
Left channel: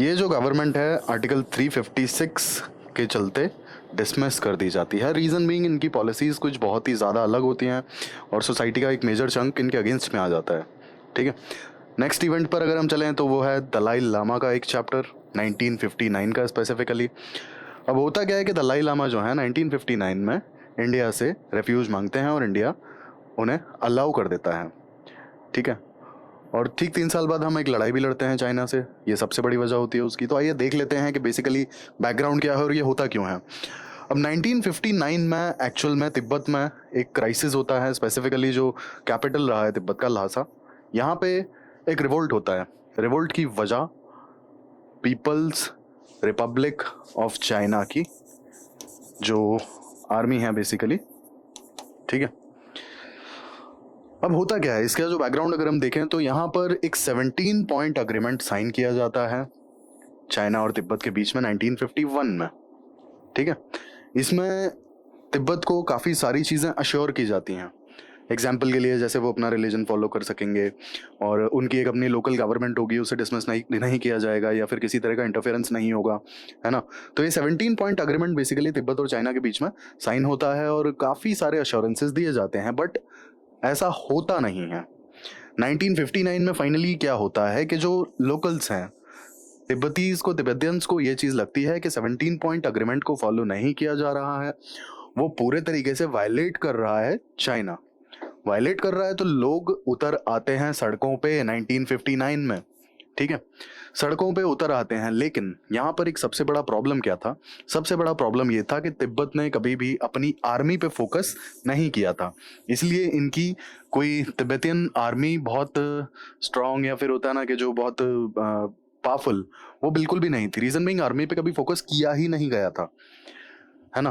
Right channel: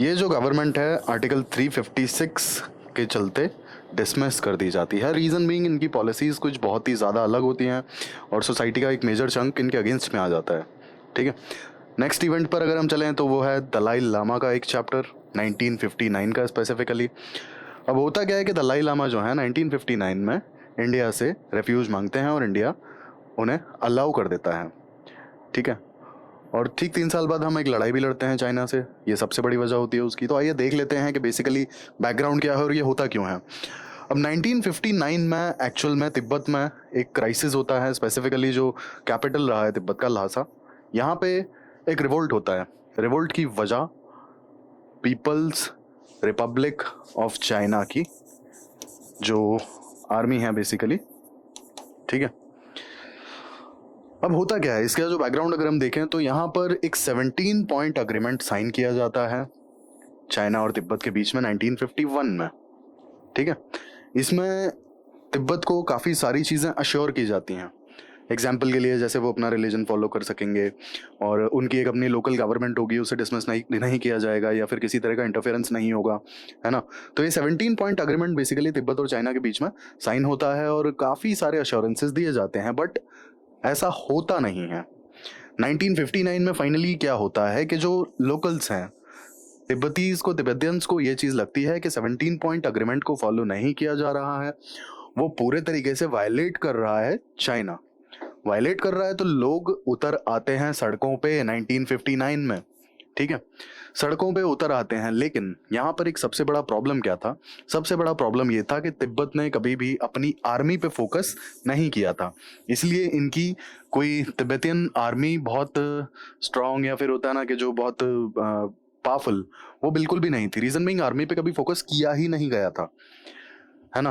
ये जो गवर्नमेंट है आर्टिकल 356 के चलते डिसमिस कर दी जाती है। रीज़न बीइंग इनकी पॉलिसीज़ कुछ बहुत ही ज़्यादा अलग होती हैं और सोसाइटी का एक मेजर चंक इनके अगेंस्ट में आ जाता है, ठीक है। नेक्स्ट इवेंट पर अगर हम चलें तो वो है दलाई लामा का एक चैप्टर 1959 का स्पेसिफिकली। अब होता क्या है कि दलाई लामा जो है 1959 में इंडिया से रेफ्यूज मांगते हैं और इंडिया उन्हें अलाउ कर देता है, ठीक है। और ठीक 3 साल बाद हम एक लड़ाई भी लड़ते हैं चाइना से, ये सबसे बड़ी वजह होती है उसकी। तो आइए देख लेते हैं कि बेसिकली बैकग्राउंड क्या है और ये होता क्यों है। अब 1959 में एक्चुअल में तिब्बत में एक क्राइसिस होता है, स्पेसिफिकली जो कैपिटल रहा है तिब्बत का ल्हासा, यहाँ पे एक रिवोल्ट होता है। रिवोल्ट की वजह पीपल्स रिपब्लिक ऑफ चाइना की जो आर्मी है बेसिकली, ठीक है। अब होता क्या है, इसका जो बैकग्राउंड अगर हम देखें तो यहाँ पर एक 17 पॉइंट अग्रीमेंट साइन किया जाता है चाइना और तिब्बत के बीच में 1951 में, ठीक है। इसमें तिब्बत को काफ़ी सारी चीज़ें अश्योर की जाती हैं। एग्जाम्पल के लिए जैसे वो अपना रिलीजन फॉलो कर सकेंगे और उनकी एक अपनी लोकल गवर्नमेंट होगी, उसे डिसमिस नहीं किया जाएगा या फिर किसी तरह का इंटरफेरेंस नहीं होगा, है ना। तो ये 17 पॉइंट अग्रीमेंट बेसिकली तिब्बत और चाइना के बीच में साइन होता है और काफ़ी सारे अश्योरेंसेस दिए जाते हैं, बट ऐसा होता नहीं है। 1959 में फाइनली क्या होता है कि जो लोकल्स हैं तिब्बतियंस को ये चीज़ लगती है कि 17 पॉइंट अग्रीमेंट को फॉलो नहीं किया जा रहा है, वो पूरे तरीके से वायलेट कर रहा है, चाइना वायलेट कर रहा है। तो लोग उतर आते हैं सड़कों पे 1959 में, ठीक है, सड़कों पे उतर आते हैं। लेकिन यहाँ पर एक सबसे बड़ा प्रॉब्लम क्या था, सबसे बड़ा प्रॉब्लम ये था कि तिब्बत ने कभी भी अपनी आर्मी पे फोकस नहीं किया था, इसलिए इनकी कोई तिब्बतियन आर्मी बहुत स्ट्रांग या फिर होता है ना कि जो बहुत पावरफुल, वो बिल्कुल भी नहीं थी। रीजन बीइंग आर्मी पे कभी फोकस किया ही नहीं गया था, है ना।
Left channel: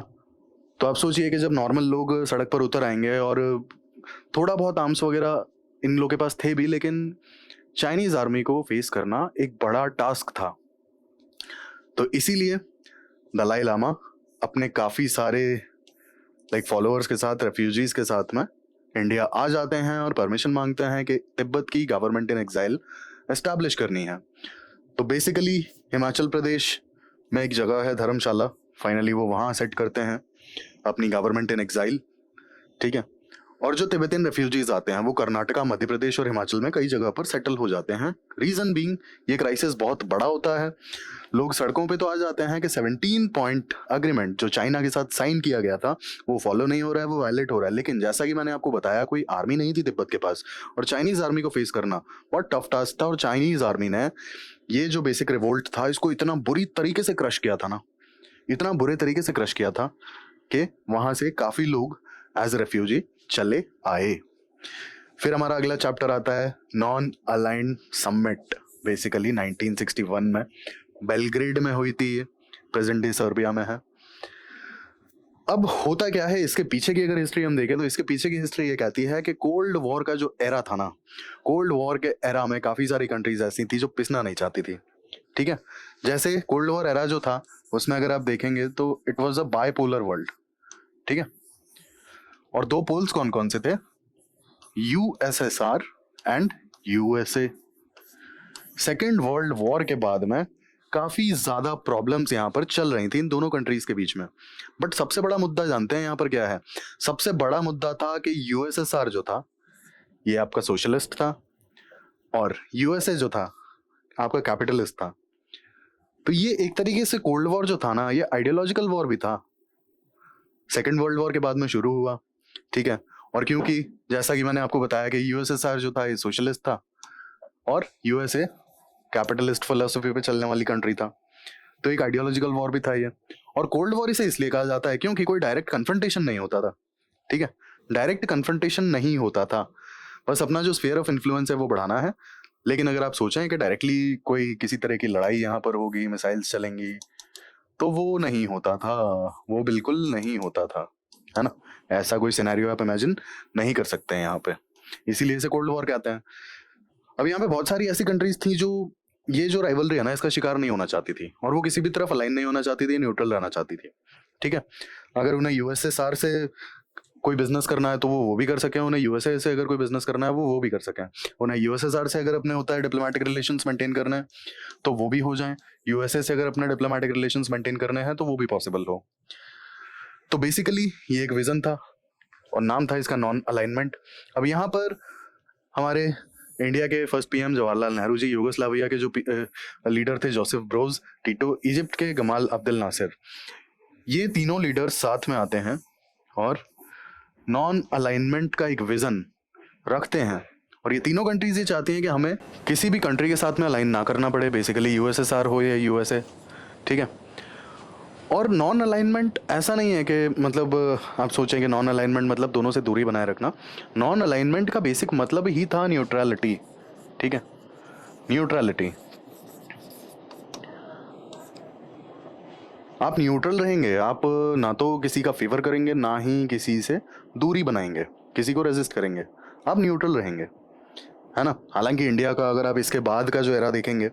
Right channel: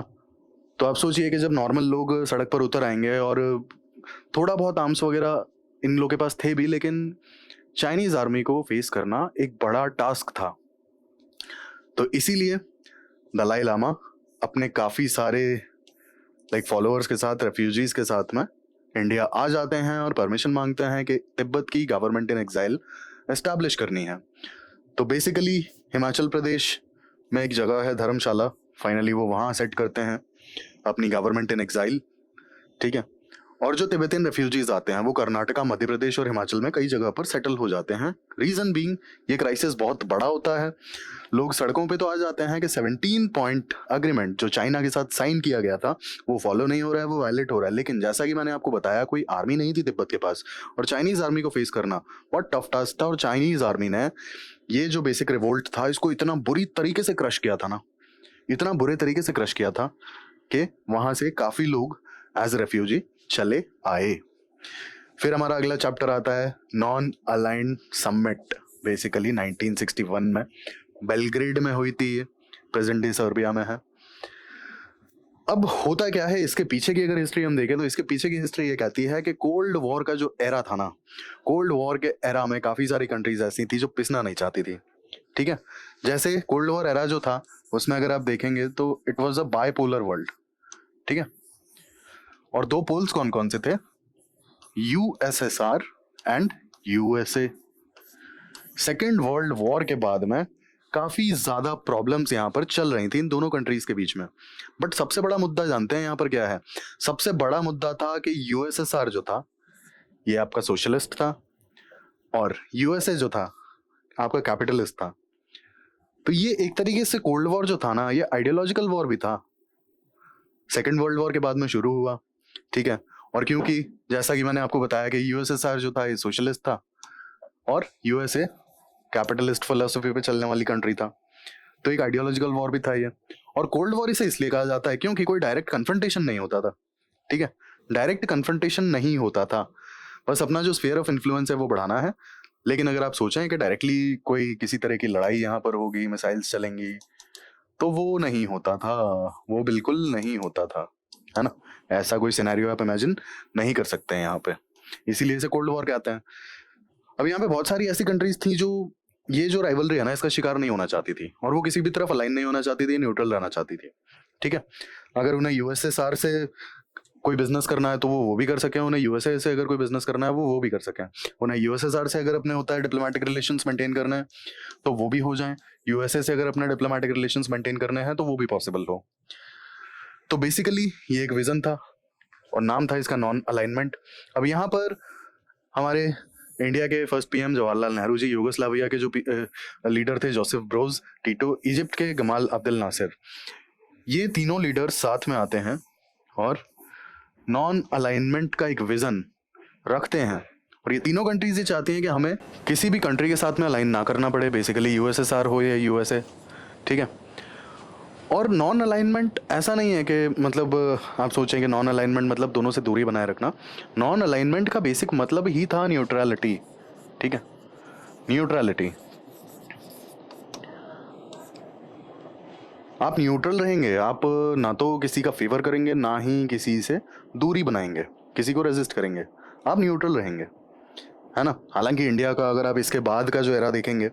तो आप सोचिए कि जब नॉर्मल लोग सड़क पर उतर आएंगे और थोड़ा बहुत आर्म्स वगैरह इन लोगों के पास थे भी, लेकिन चाइनीज आर्मी को फेस करना एक बड़ा टास्क था। तो इसीलिए दलाई लामा अपने काफ़ी सारे फॉलोअर्स के साथ, रेफ्यूजीज के साथ में इंडिया आ जाते हैं और परमिशन मांगते हैं कि तिब्बत की गवर्नमेंट इन एग्जाइल एस्टैब्लिश करनी है। तो बेसिकली हिमाचल प्रदेश में एक जगह है धर्मशाला, फाइनली वो वहाँ सेट करते हैं अपनी गवर्नमेंट इन एग्जाइल, ठीक है। और जो तिब्बतियन रेफ्यूजीज आते हैं वो कर्नाटका, मध्य प्रदेश और हिमाचल में कई जगह पर सेटल हो जाते हैं। रीजन बीइंग ये क्राइसिस बहुत बड़ा होता है, लोग सड़कों पे तो आ जाते हैं कि 17 पॉइंट अग्रीमेंट जो चाइना के साथ साइन किया गया था वो फॉलो नहीं हो रहा है, वो वायलेट हो रहा है। लेकिन जैसा कि मैंने आपको बताया, कोई आर्मी नहीं थी तिब्बत के पास, और चाइनीज आर्मी को फेस करना बहुत टफ टास्क था। और चाइनीज आर्मी ने ये जो बेसिक रिवोल्ट था इसको इतना बुरी तरीके से क्रश किया था ना, इतना बुरे तरीके से क्रश किया था कि वहां से काफी लोग एज रेफ्यूजी चले आए। फिर हमारा अगला चैप्टर आता है नॉन अलाइंड समिट, बेसिकली 1961 में बेलग्रेड में हुई थी, प्रेजेंट डे सर्बिया में है। अब होता क्या है, इसके पीछे की अगर हिस्ट्री हम देखें तो इसके पीछे की हिस्ट्री ये कहती है कि कोल्ड वॉर का जो एरा था ना, कोल्ड वॉर के एरा में काफी सारी कंट्रीज ऐसी थी जो पिसना नहीं चाहती थी। ठीक है, जैसे कोल्ड वॉर एरा जो था उसमें अगर आप देखेंगे तो it was a bipolar world. ठीक है, और दो पोल्स कौन कौन से थे, USSR and USA. Second world war के बाद में काफी ज्यादा प्रॉब्लम्स यहाँ पर चल रही थी इन दोनों कंट्रीज के बीच में। बट सबसे बड़ा मुद्दा जानते हैं यहाँ पर क्या है, सबसे बड़ा मुद्दा था कि यूएसएसआर जो था ये आपका सोशलिस्ट था और यूएसए जो था आपका कैपिटलिस्ट था। तो ये एक तरीके से कोल्ड वॉर जो था ना, ये आइडियोलॉजिकल वॉर भी था, सेकेंड वर्ल्ड वॉर के बाद में शुरू हुआ। ठीक है, और क्योंकि जैसा कि मैंने आपको बताया कि यूएसएसआर जो था ये सोशलिस्ट था और यूएसए कैपिटलिस्ट फिलोसफी पे चलने वाली कंट्री था, तो एक आइडियोलॉजिकल वॉर भी था ये। और कोल्ड वॉर इसे इसलिए कहा जाता है क्योंकि कोई डायरेक्ट कन्फ्रंटेशन नहीं होता था। ठीक है, डायरेक्ट कन्फ्रंटेशन नहीं होता था, बस अपना जो स्फीयर ऑफ इन्फ्लुएंस है वो बढ़ाना है। लेकिन अगर आप सोचें कि डायरेक्टली कोई किसी तरह की लड़ाई यहाँ पर होगी, मिसाइल्स चलेंगी, तो वो नहीं होता था, वो बिल्कुल नहीं होता था, है ना। ऐसा कोई सिनेरियो आप इमेजिन नहीं कर सकते हैं यहाँ पे, इसीलिए इसे कोल्ड वॉर कहते हैं। अब यहाँ पे बहुत सारी ऐसी कंट्रीज थी जो ये जो राइवलरी है ना इसका शिकार नहीं होना चाहती थी, और वो किसी भी तरफ अलाइन नहीं होना चाहती थी, न्यूट्रल रहना चाहती थी। ठीक है, अगर उन्हें यूएसएसआर से कोई बिजनेस करना है तो वो भी कर सके, उन्हें यूएसए से अगर कोई बिजनेस करना है वो भी कर सके, उन्हें यूएसएसआर से अगर अपने होता है डिप्लोमेटिक रिलेशंस मेंटेन करना है तो वो भी हो जाए, यूएसए से अगर अपने डिप्लोमेटिक रिलेशंस मेंटेन करने हैं तो वो भी पॉसिबल हो। तो बेसिकली ये एक विजन था और नाम था इसका नॉन अलाइनमेंट। अब यहाँ पर हमारे इंडिया के first PM Jawaharlal Nehru ji, Yugoslavia के जो लीडर थे जोसेफ ब्रोज टीटो, इजिप्ट के गमाल अब्दुल नासिर, ये तीनों लीडर्स साथ में आते हैं और नॉन अलाइनमेंट का एक विजन रखते हैं। और ये तीनों कंट्रीज ये चाहती हैं कि हमें किसी भी कंट्री के साथ में अलाइन ना करना पड़े, बेसिकली यूएसएसआर हो या यूएसए। ठीक है, और नॉन अलाइनमेंट ऐसा नहीं है कि मतलब आप सोचेंगे नॉन अलाइनमेंट मतलब दोनों से दूरी बनाए रखना। नॉन अलाइनमेंट का बेसिक मतलब ही था न्यूट्रलिटी। ठीक है, न्यूट्रलिटी, आप न्यूट्रल रहेंगे, आप ना तो किसी का फेवर करेंगे ना ही किसी से दूरी बनाएंगे, किसी को रेजिस्ट करेंगे, आप न्यूट्रल रहेंगे, है ना। हालांकि इंडिया का अगर आप इसके बाद का जो एरा देखेंगे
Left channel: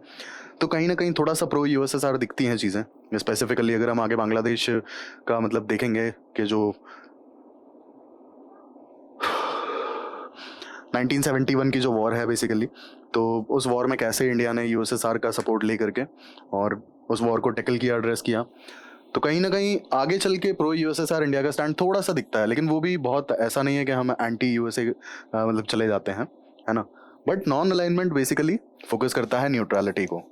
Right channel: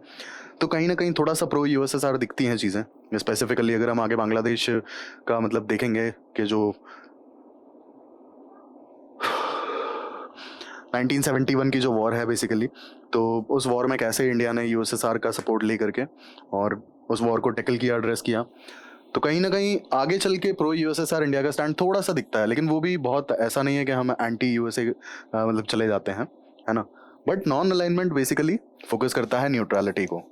तो कहीं ना कहीं थोड़ा सा प्रो यूएसएसआर दिखती हैं चीज़ें। स्पेसिफिकली अगर हम आगे बांग्लादेश का मतलब देखेंगे कि जो 1971 की जो वॉर है बेसिकली, तो उस वॉर में कैसे इंडिया ने यूएसएसआर का सपोर्ट ले करके और उस वॉर को टिकल किया, एड्रेस किया, तो कहीं ना कहीं आगे चल के प्रो यूएसएसआर इंडिया का स्टैंड थोड़ा सा दिखता है। लेकिन वो भी बहुत ऐसा नहीं है कि हम एंटी यूएसए मतलब चले जाते हैं, है ना। But non alignment basically focus करता है न्यूट्रलिटी को।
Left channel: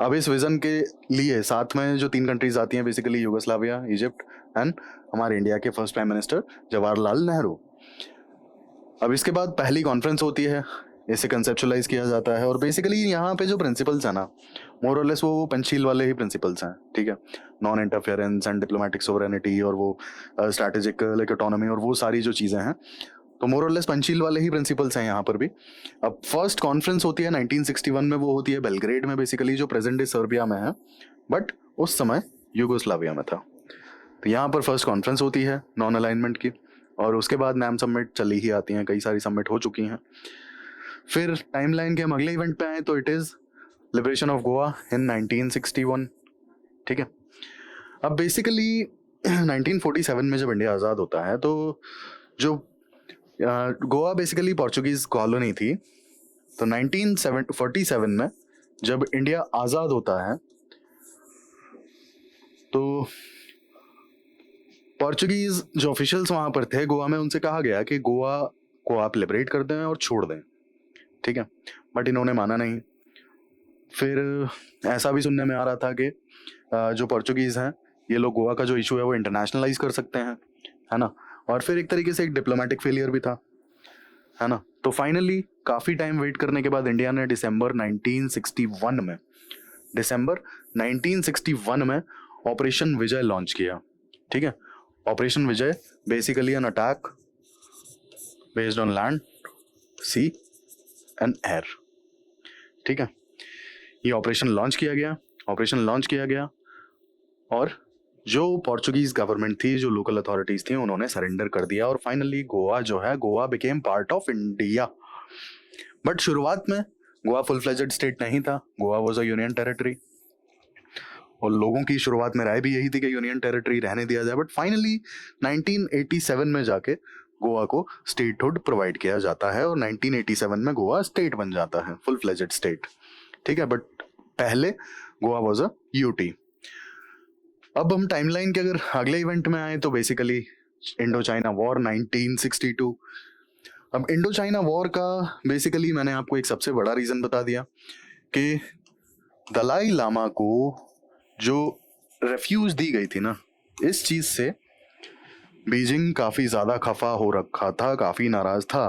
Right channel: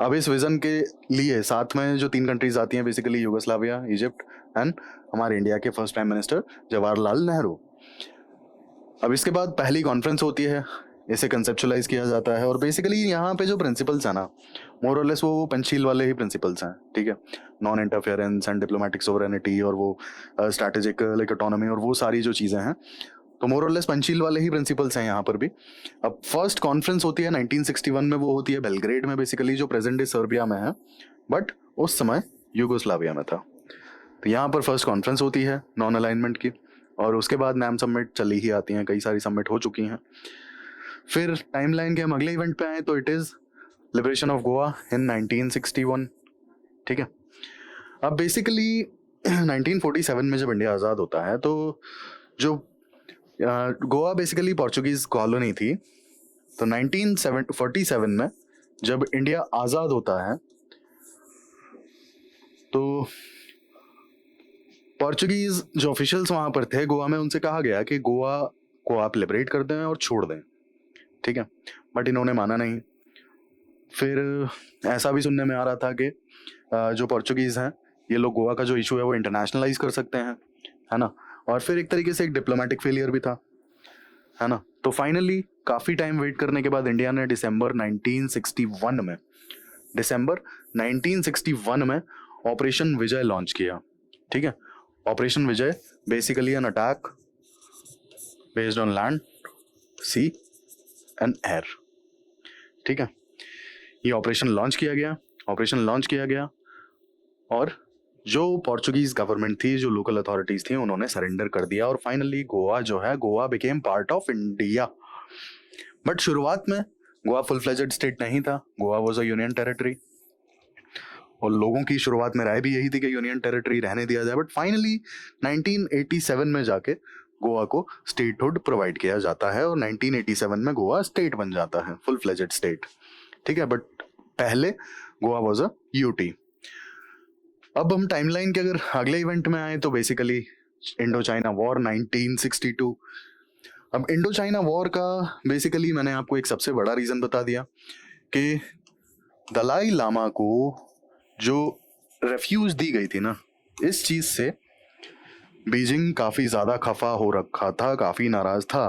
अब इस विजन के लिए साथ में जो तीन कंट्रीज आती हैं बेसिकली यूगोस्लाविया, इजिप्ट एंड हमारे इंडिया के first prime minister Jawaharlal Nehru. अब इसके बाद पहली कॉन्फ्रेंस होती है, इसे कंसेप्चुलाइज किया जाता है और बेसिकली यहाँ पे जो प्रिंसिपल्स है ना, मोर और लेस वो पंचशील वाले ही प्रिंसिपल्स हैं। ठीक है, non interference and diplomatic sovereignty और वो स्ट्रैटेजिक लाइक ऑटोनॉमी और वो सारी जो चीज़ें हैं, तो मोर और लेस पंचशील वाले ही प्रिंसिपल्स हैं यहाँ पर भी। अब फर्स्ट कॉन्फ्रेंस होती है 1961 में, वो होती है बेलग्रेड में, बेसिकली जो प्रेजेंट डे सर्बिया में है, बट उस समय यूगोस्लाविया में था। तो यहाँ पर फर्स्ट कॉन्फ्रेंस होती है नॉन अलाइनमेंट की, और उसके बाद नैम समिट चली ही आती हैं, कई सारी समिट हो चुकी हैं। फिर टाइमलाइन के हम अगले इवेंट पे आए तो it is liberation of Goa in 1961। ठीक है, अब बेसिकली 1947 में जब इंडिया आज़ाद होता है तो जो गोवा बेसिकली पोर्चुगीज कॉलोनी थी, तो 1947 में जब इंडिया आज़ाद होता है तो पोर्चुगीज जो ऑफिशियल्स वहां पर थे गोवा में, उनसे कहा गया कि गोवा को आप लिबरेट कर दें और छोड़ दें, ठीक है, बट इन्होंने माना नहीं। फिर ऐसा भी सुनने में आ रहा था कि जो पोर्चुगीज हैं ये लोग गोवा का जो इशू है वो इंटरनेशनलाइज कर सकते हैं, है ना, और फिर एक तरीके से एक डिप्लोमेटिक फेलियर भी था, है ना। तो फाइनली काफी टाइम वेट करने के बाद इंडिया ने दिसंबर 1961 में ऑपरेशन विजय लॉन्च किया, ठीक है। Operation Vijay basically an attack based on land, sea and air, ठीक है। ये ऑपरेशन लॉन्च किया गया और जो पोर्चुगीज गवर्नमेंट थी, जो लोकल अथॉरिटीज थी, उन्होंने सरेंडर कर दिया और फाइनली गोवा जो है, Goa became part of India. But शुरुआत में गोवा फुल फ्लेजेड स्टेट नहीं था, Goa was a union territory और लोगों की शुरुआत में राय भी यही थी कि यूनियन टेरिटरी रहने दिया जाए। बट फाइनली 1987 में जाके गोवा को स्टेटहुड प्रोवाइड किया जाता है और 1987 में गोवा स्टेट बन जाता है, फुल फ्लेजेड स्टेट, ठीक है। बट पहले गोवा वाज अ यूटी। अब हम टाइमलाइन के अगर अगले इवेंट में आए तो बेसिकली इंडो चाइना वॉर 1962। अब इंडो चाइना वॉर का बेसिकली मैंने आपको एक सबसे बड़ा रीजन बता दिया कि दलाई लामा को जो रेफ्यूज दी गई थी ना, इस चीज से बीजिंग काफी ज्यादा खफा हो रखा था, काफी नाराज था,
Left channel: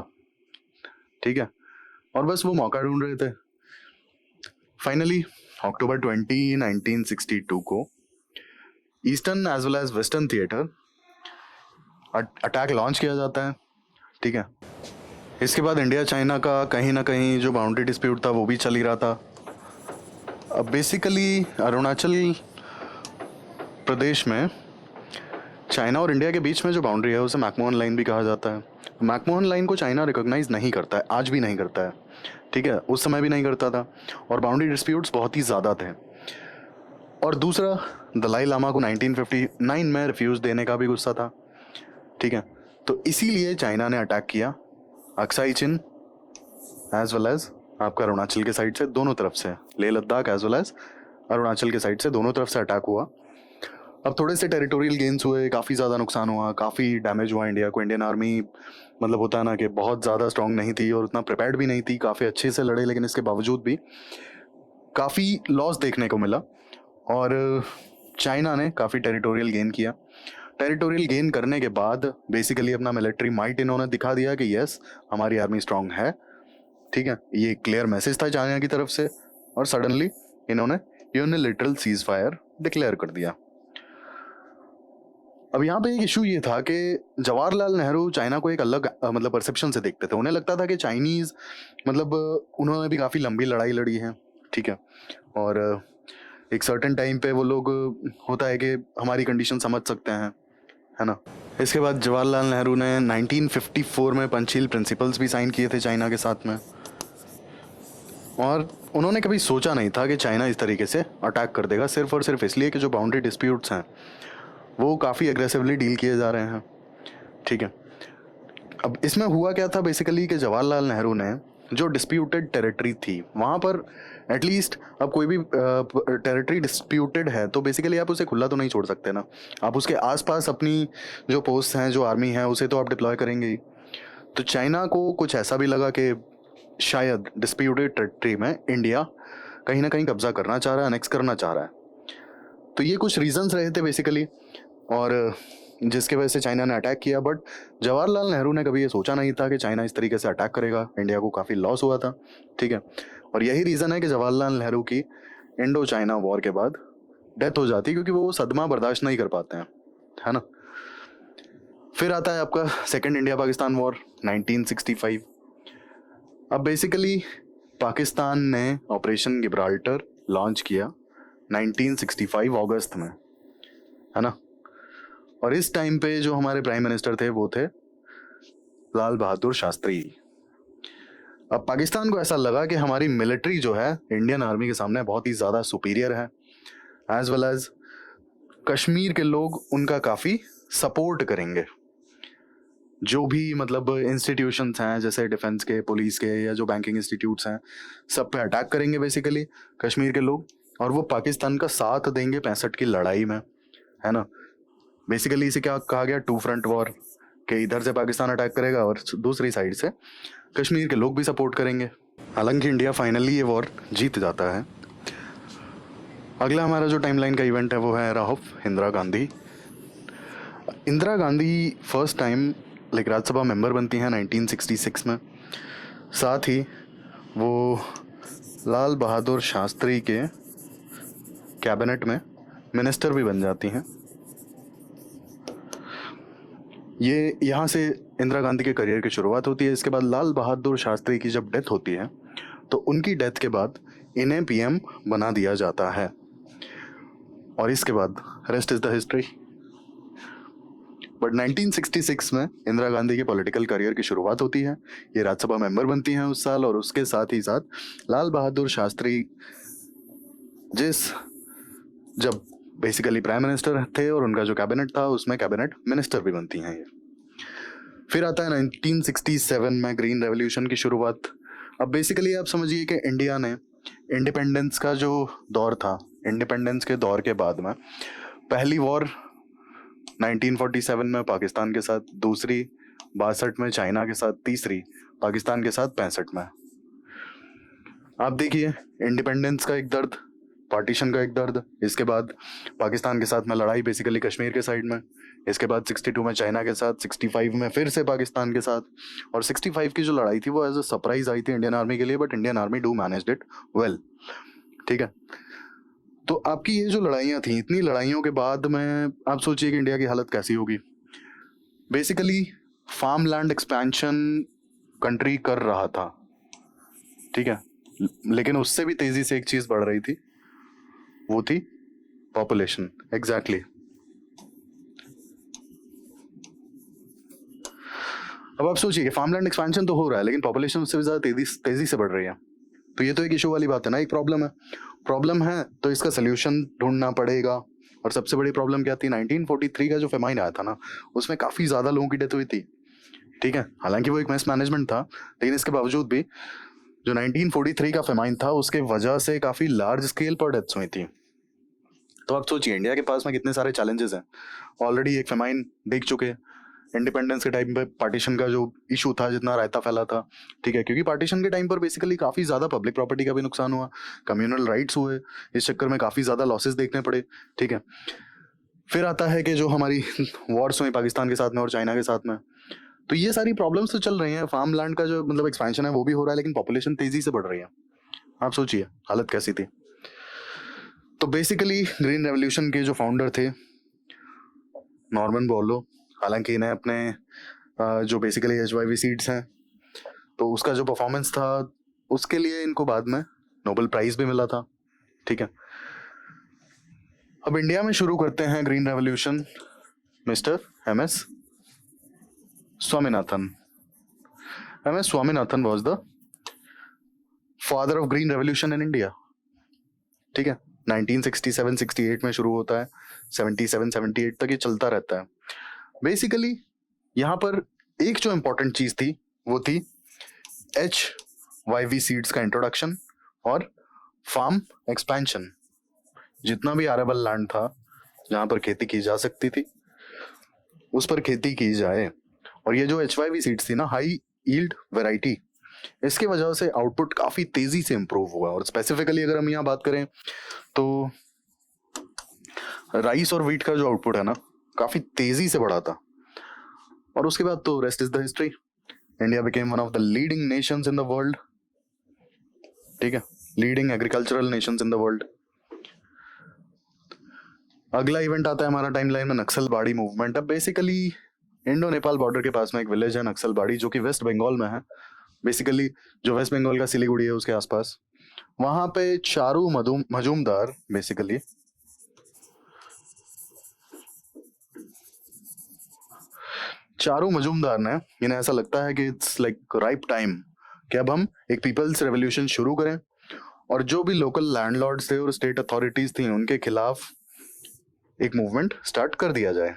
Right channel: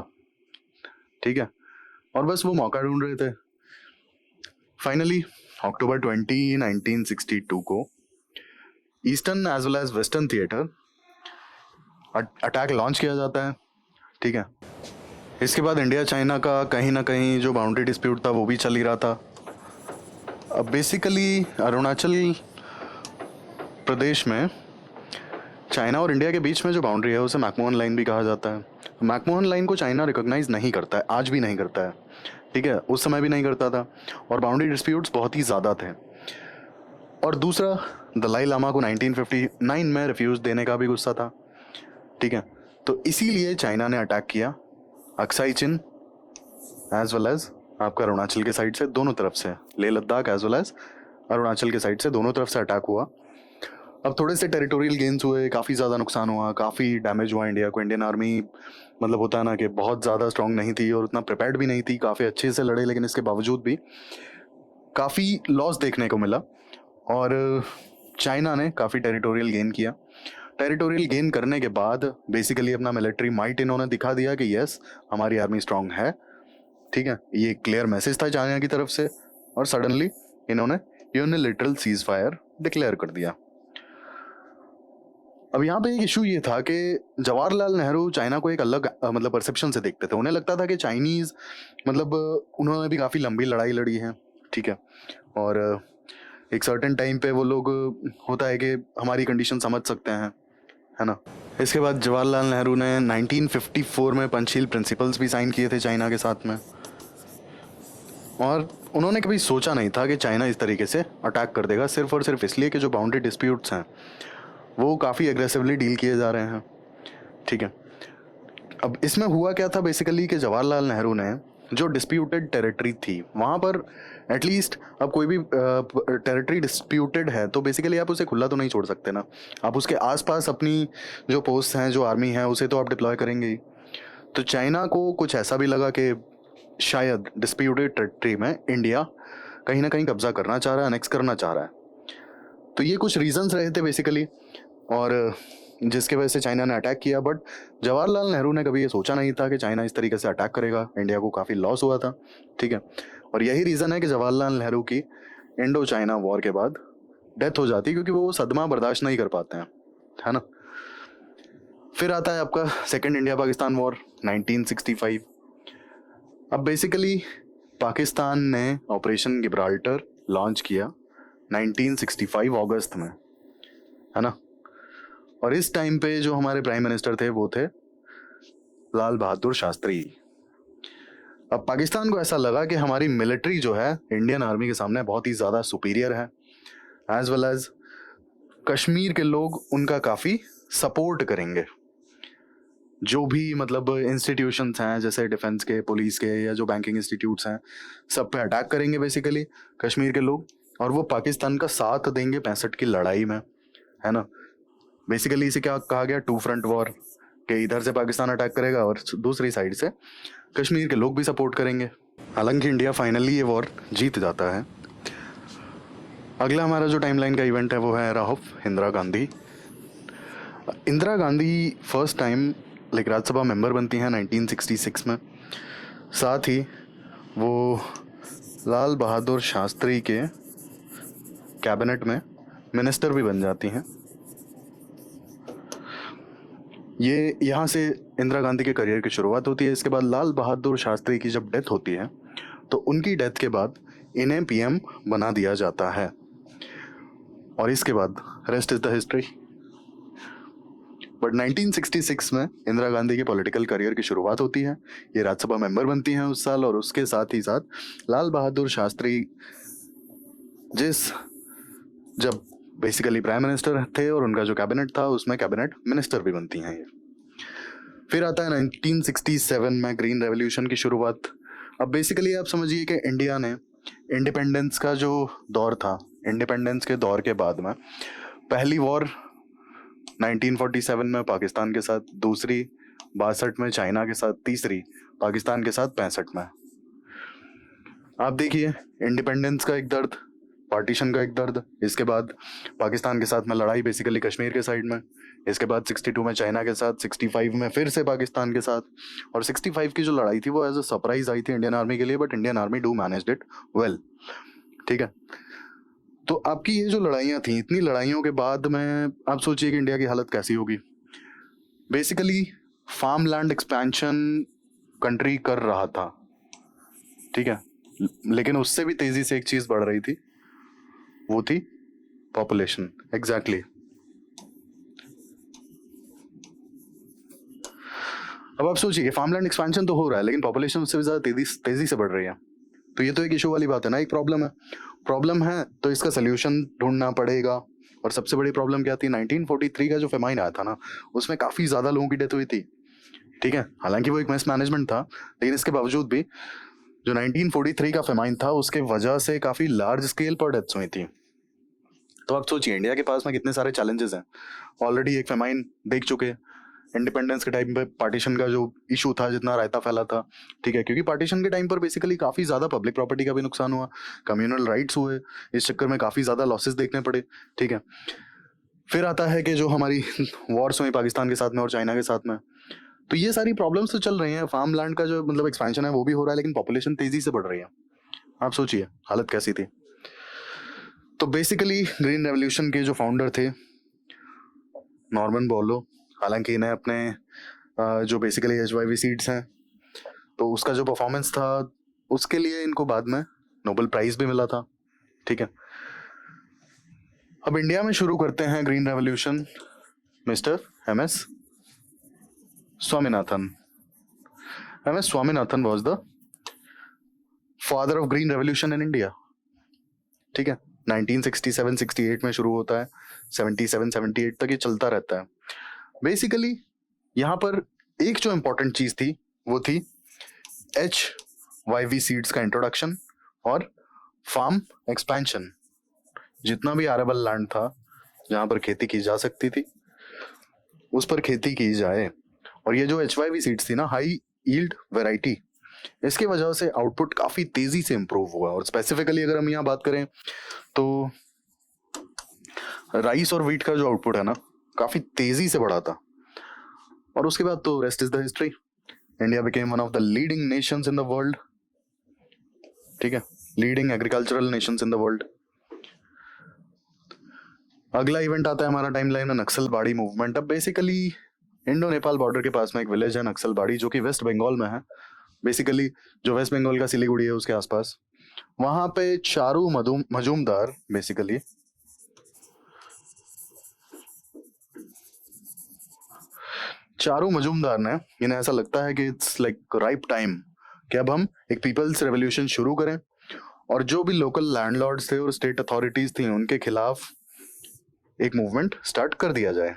ठीक है, और बस वो मौका ढूंढ रहे थे। फाइनली अक्टूबर 20, 1962 को eastern as well as western theatre attack launch किया जाता है, ठीक है। इसके बाद इंडिया चाइना का कहीं ना कहीं जो बाउंड्री डिस्प्यूट था वो भी चल ही रहा था। अब बेसिकली अरुणाचल प्रदेश में चाइना और इंडिया के बीच में जो बाउंड्री है उसे मैकमोहन लाइन भी कहा जाता है। मैकमोहन लाइन को चाइना रिकॉग्नाइज नहीं करता है, आज भी नहीं करता है, ठीक है, उस समय भी नहीं करता था और बाउंड्री डिस्प्यूट्स बहुत ही ज़्यादा थे। और दूसरा, दलाई लामा को 1959 में रिफ्यूज देने का भी गुस्सा था, ठीक है, तो इसीलिए चाइना ने अटैक किया Aksai Chin as well as आपका अरुणाचल के साइड से, दोनों तरफ से, Leh Ladakh as well as Arunachal के साइड से, दोनों तरफ से अटैक हुआ। अब थोड़े से टेरिटोरियल गेन्स हुए, काफ़ी ज़्यादा नुकसान हुआ, काफ़ी डैमेज हुआ इंडिया को। इंडियन आर्मी मतलब होता है ना कि बहुत ज़्यादा स्ट्रांग नहीं थी और उतना प्रिपेयर्ड भी नहीं थी, काफ़ी अच्छे से लड़े, लेकिन इसके बावजूद भी काफ़ी लॉस देखने को मिला और चाइना ने काफ़ी टेरिटोरियल गेन किया। टेरिटोरियल गेन करने के बाद बेसिकली अपना मिलिट्री माइट इन्होंने दिखा दिया कि यस हमारी आर्मी स्ट्रांग है, ठीक है, ये क्लियर मैसेज था चाइना की तरफ से। और सडनली इन्होंने यूनिलैटरल सीज फायर डिक्लेयर कर दिया। अब यहाँ पे एक इशू ये था कि जवाहरलाल नेहरू चाइना को एक अलग मतलब परसेप्शन से देखते थे। उन्हें लगता था कि चाइनीज मतलब उन्होंने भी काफ़ी लंबी लड़ाई लड़ी है, ठीक है, और एक सर्टेन टाइम पे वो लोग होता है कि हमारी कंडीशन समझ सकते हैं, है ना। इसके बाद जवाहरलाल नेहरू ने 1954 में पंचशील प्रिंसिपल्स भी साइन किए थे चाइना के साथ में, और उन्होंने कभी सोचा नहीं था कि चाइना इस तरीके से अटैक कर देगा, सिर्फ और सिर्फ इसलिए कि जो बाउंड्री डिस्प्यूट्स हैं वो काफ़ी एग्रेसिवली डील किए जा रहे हैं, ठीक है। अब इसमें हुआ क्या था बेसिकली कि जवाहरलाल नेहरू ने जो डिस्प्यूटेड टेरिटरी थी वहाँ पर एटलीस्ट, अब कोई भी टेरिटरी डिस्प्यूटेड है तो बेसिकली आप उसे खुला तो नहीं छोड़ सकते ना, आप उसके आसपास अपनी जो पोस्ट हैं, जो आर्मी है, उसे तो आप डिप्लॉय करेंगे ही। तो चाइना को कुछ ऐसा भी लगा कि शायद डिस्प्यूटेड टेरिटरी में इंडिया कहीं ना कहीं कब्जा करना चाह रहा है, अनेक्स करना चाह रहा है। तो ये कुछ रीजंस रहे थे बेसिकली, और जिसके वजह से चाइना ने अटैक किया। बट जवाहरलाल नेहरू ने कभी सोचा नहीं था कि चाइना इस तरीके से अटैक करेगा। इंडिया को काफ़ी लॉस हुआ था, ठीक है, और यही रीज़न है कि जवाहरलाल नेहरू की इंडो चाइना वॉर के बाद डेथ हो जाती है, क्योंकि वो सदमा बर्दाश्त नहीं कर पाते हैं, है ना। फिर आता है आपका सेकेंड इंडिया पाकिस्तान वॉर 1965। अब बेसिकली पाकिस्तान ने ऑपरेशन गिब्राल्टर लॉन्च किया 1965 अगस्त में, है ना, और इस टाइम पे जो हमारे प्राइम मिनिस्टर थे वो थे लाल बहादुर शास्त्री। अब पाकिस्तान को ऐसा लगा कि हमारी मिलिट्री जो है इंडियन आर्मी के सामने बहुत ही ज़्यादा सुपीरियर है, एज वेल एज कश्मीर के लोग उनका काफ़ी सपोर्ट करेंगे। जो भी मतलब इंस्टीट्यूशंस हैं जैसे डिफेंस के, पुलिस के, या जो बैंकिंग इंस्टीट्यूट्स हैं, सब पे अटैक करेंगे बेसिकली कश्मीर के लोग, और वो पाकिस्तान का साथ देंगे 65 की लड़ाई में, है ना। बेसिकली इसे क्या कहा गया, टू फ्रंट वॉर, कि इधर से पाकिस्तान अटैक करेगा और दूसरी साइड से कश्मीर के लोग भी सपोर्ट करेंगे। हालांकि इंडिया फाइनली ये वॉर जीत जाता है। अगला हमारा जो टाइमलाइन का इवेंट है वो है Rahul Indira Gandhi. Indira Gandhi first time like Rajya Sabha member बनती हैं 1966 में। साथ ही वो लाल बहादुर शास्त्री के कैबिनेट में मिनिस्टर भी बन जाती हैं। ये यहाँ से इंदिरा गांधी के करियर की शुरुआत होती है। इसके बाद लाल बहादुर शास्त्री की जब डेथ होती है तो उनकी डेथ के बाद इन्हें पीएम बना दिया जाता है और इसके बाद rest is the history. But 1966 में इंदिरा गांधी के पॉलिटिकल करियर की शुरुआत होती है। ये राज्यसभा मेंबर बनती हैं उस साल और उसके साथ ही साथ लाल बहादुर शास्त्री जब बेसिकली प्राइम मिनिस्टर थे और उनका जो कैबिनेट था उसमें कैबिनेट मिनिस्टर भी बनती हैं ये। फिर आता है 1967 में ग्रीन रेवोल्यूशन की शुरुआत। अब बेसिकली आप समझिए कि इंडिया ने इंडिपेंडेंस का जो दौर था, इंडिपेंडेंस के दौर के बाद में पहली वॉर 1947 में पाकिस्तान के साथ, दूसरी 62 में चाइना के साथ, तीसरी पाकिस्तान के साथ 65 में। आप देखिए इंडिपेंडेंस का एक दर्द, पार्टीशन का एक दर्द, इसके बाद पाकिस्तान के साथ में लड़ाई बेसिकली कश्मीर के साइड में, इसके बाद 62 में चाइना के साथ, 65 में फिर से पाकिस्तान के साथ, और 65 की जो लड़ाई थी वो एज अ सरप्राइज आई थी इंडियन आर्मी के लिए, but Indian army do managed it well. ठीक है, तो आपकी ये जो लड़ाइयाँ थी, इतनी लड़ाइयों के बाद में आप सोचिए कि इंडिया की हालत कैसी होगी। Basically farm land expansion country कर रहा था, ठीक है, लेकिन उससे भी तेजी से एक चीज बढ़ रही थी, वो थी पॉपुलेशन। एग्जैक्टली अब आप सोचिए कि फार्मलैंड एक्सपेंशन तो हो रहा है लेकिन पॉपुलेशन उससे ज्यादा तेजी से बढ़ रही है। तो ये तो एक इशू वाली बात है ना, एक प्रॉब्लम है तो इसका सोल्यूशन ढूंढना पड़ेगा। और सबसे बड़ी प्रॉब्लम क्या थी, 1943 का जो फेमाइन आया था ना, उसमें काफी ज्यादा लोगों की डेथ हुई थी। ठीक है, हालांकि वो एक मिस मैनेजमेंट था, लेकिन इसके बावजूद भी जो 1943 का फेमाइन था उसके वजह से काफी लार्ज स्केल पर डेथ्स हुई थी। तो आप सोचिए इंडिया के पास में कितने सारे चैलेंजेस हैं। ऑलरेडी एक फेमाइन देख चुके हैं, इंडिपेंडेंस के टाइम पे पार्टीशन का जो इशू था, जितना रायता फैला था, ठीक है, क्योंकि पार्टीशन के टाइम पर बेसिकली काफी ज्यादा पब्लिक प्रॉपर्टी का भी नुकसान हुआ, कम्युनल राइट्स हुए, इस चक्कर में काफी ज्यादा लॉसेस देखने पड़े। ठीक है, फिर आता है कि जो हमारी वॉर्स हुई पाकिस्तान के साथ में और चाइना के साथ में, तो ये सारी प्रॉब्लम्स तो चल रही हैं। फार्म लैंड का जो मतलब एक्सपेंशन है वो भी हो रहा है, लेकिन पॉपुलेशन तेजी से बढ़ रही है। आप सोचिए हालत कैसी थी। तो बेसिकली ग्रीन रेवोल्यूशन के जो फाउंडर थे नॉर्मन बोरलो, हालांकि इन्हें अपने जो बेसिकली HYV सीड्स हैं तो उसका जो परफॉर्मेंस था उसके लिए इनको बाद में नोबेल प्राइज भी मिला था। ठीक है, अब इंडिया में शुरू करते हैं green revolution mister MS Swaminathan. MS Swaminathan was the father of green revolution in India. ठीक है, 1967-68 में शुरू होता है, 77-78 तक ये चलता रहता है। बेसिकली यहाँ पर एक जो इम्पोर्टेंट चीज थी वो थी HYV सीड्स का इंट्रोडक्शन और फार्म एक्सपेंशन। जितना भी आरेबल लैंड था जहाँ पर खेती की जा सकती थी उस पर खेती की जाए। और ये जो HYV सीड्स थी ना, हाई यील्ड वैरायटी, इसकी वजह से आउटपुट काफी तेजी से इंप्रूव हुआ। और स्पेसिफिकली अगर हम यहाँ बात करें तो राइस और व्हीट का जो आउटपुट है ना काफी तेजी से बढ़ा था। और उसके बाद तो rest is the history. India became one of the leading Nations in the world. ठीक है, leading agricultural Nations in the world. अगला इवेंट आता है हमारा टाइमलाइन में नक्सलबाड़ी मूवमेंट। अब बेसिकली इंडो नेपाल बॉर्डर के पास में एक विलेज है नक्सलबाड़ी, जो कि वेस्ट बंगाल में है। बेसिकली जो वेस्ट बंगाल का सिलीगुड़ी है उसके आसपास, वहां पे चारू मजूमदार बेसिकली चारू मजूमदार ने, इन्हें ऐसा लगता है कि इट्स लाइक राइप टाइम कि अब हम एक पीपल्स रेवोल्यूशन शुरू करें और जो भी लोकल लैंडलॉर्ड्स थे और स्टेट अथॉरिटीज थी उनके खिलाफ एक मूवमेंट स्टार्ट कर दिया जाए।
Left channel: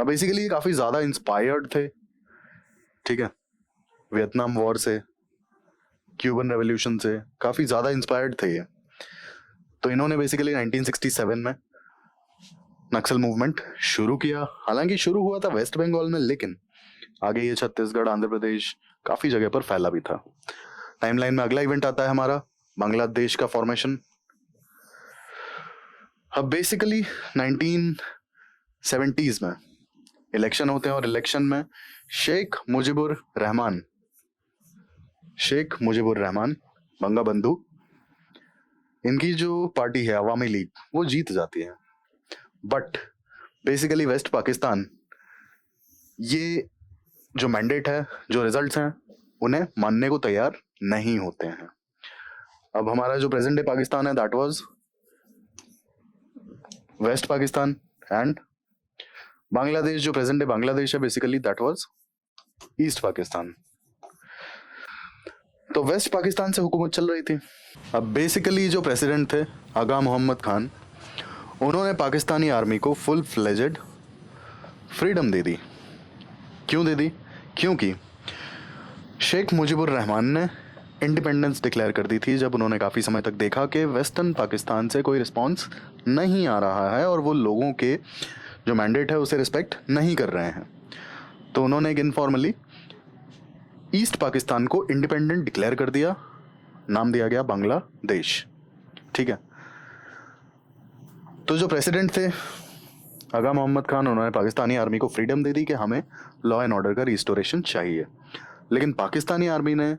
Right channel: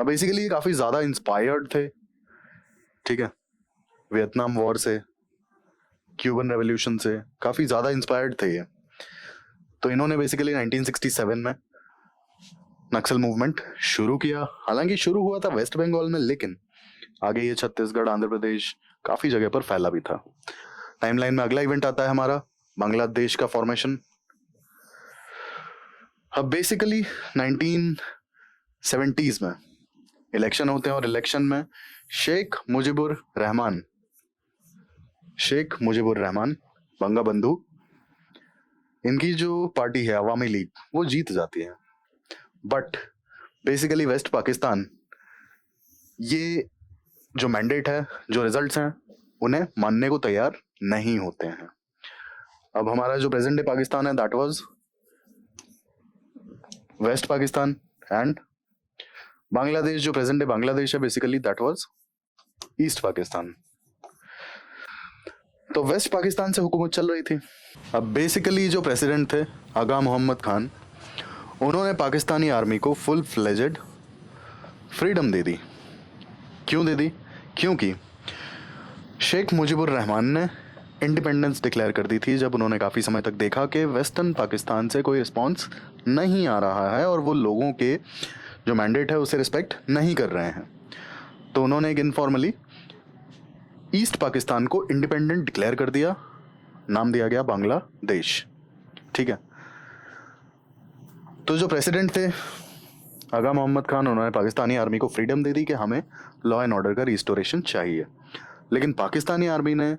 अब बेसिकली काफी ज्यादा इंस्पायर्ड थे, ठीक है, वियतनाम वॉर से, क्यूबन रेवोल्यूशन से काफी ज्यादा इंस्पायर्ड थे ये। तो इन्होंने बेसिकली 1967 में नक्सल मूवमेंट शुरू किया। हालांकि शुरू हुआ था वेस्ट बंगाल में, लेकिन आगे ये छत्तीसगढ़, आंध्र प्रदेश, काफी जगह पर फैला भी था। टाइमलाइन में अगला इवेंट आता है हमारा बांग्लादेश का फॉर्मेशन। अब बेसिकली 1970s में इलेक्शन होते हैं और इलेक्शन में शेख मुजीबुर रहमान बंगा बंधु, इनकी जो पार्टी है अवामी लीग, वो जीत जाती है। बट बेसिकली वेस्ट पाकिस्तान ये जो मैंडेट है, जो रिजल्ट्स हैं, उन्हें मानने को तैयार नहीं होते हैं। अब हमारा जो प्रेजेंट डे पाकिस्तान है, that was west Pakistan, and Bangladesh जो प्रेजेंट डे बांग्लादेश है, basically that was east Pakistan. तो वेस्ट पाकिस्तान से हुकूमत चल रही थी। अब बेसिकली जो प्रेसिडेंट थे आगा मोहम्मद खान, उन्होंने पाकिस्तानी आर्मी को फुल फ्लेजेड फ्रीडम दे दी। क्यों दे दी? क्योंकि शेख मुजीबुर रहमान ने इंडिपेंडेंस डिक्लेयर कर दी थी जब उन्होंने काफ़ी समय तक देखा कि वेस्टर्न पाकिस्तान से कोई रिस्पांस नहीं आ रहा है और वो लोगों के जो मैंडेट है उसे रिस्पेक्ट नहीं कर रहे हैं। तो उन्होंने एक इनफॉर्मली ईस्ट पाकिस्तान को इंडिपेंडेंट डिक्लेयर कर दिया, नाम दिया गया बांग्लादेश। ठीक है। तो जो प्रेसिडेंट थे आगा मोहम्मद खान, उन्होंने पाकिस्तानी आर्मी को फ्रीडम दे दी कि हमें लॉ एंड ऑर्डर का रिस्टोरेशन चाहिए। लेकिन पाकिस्तानी आर्मी ने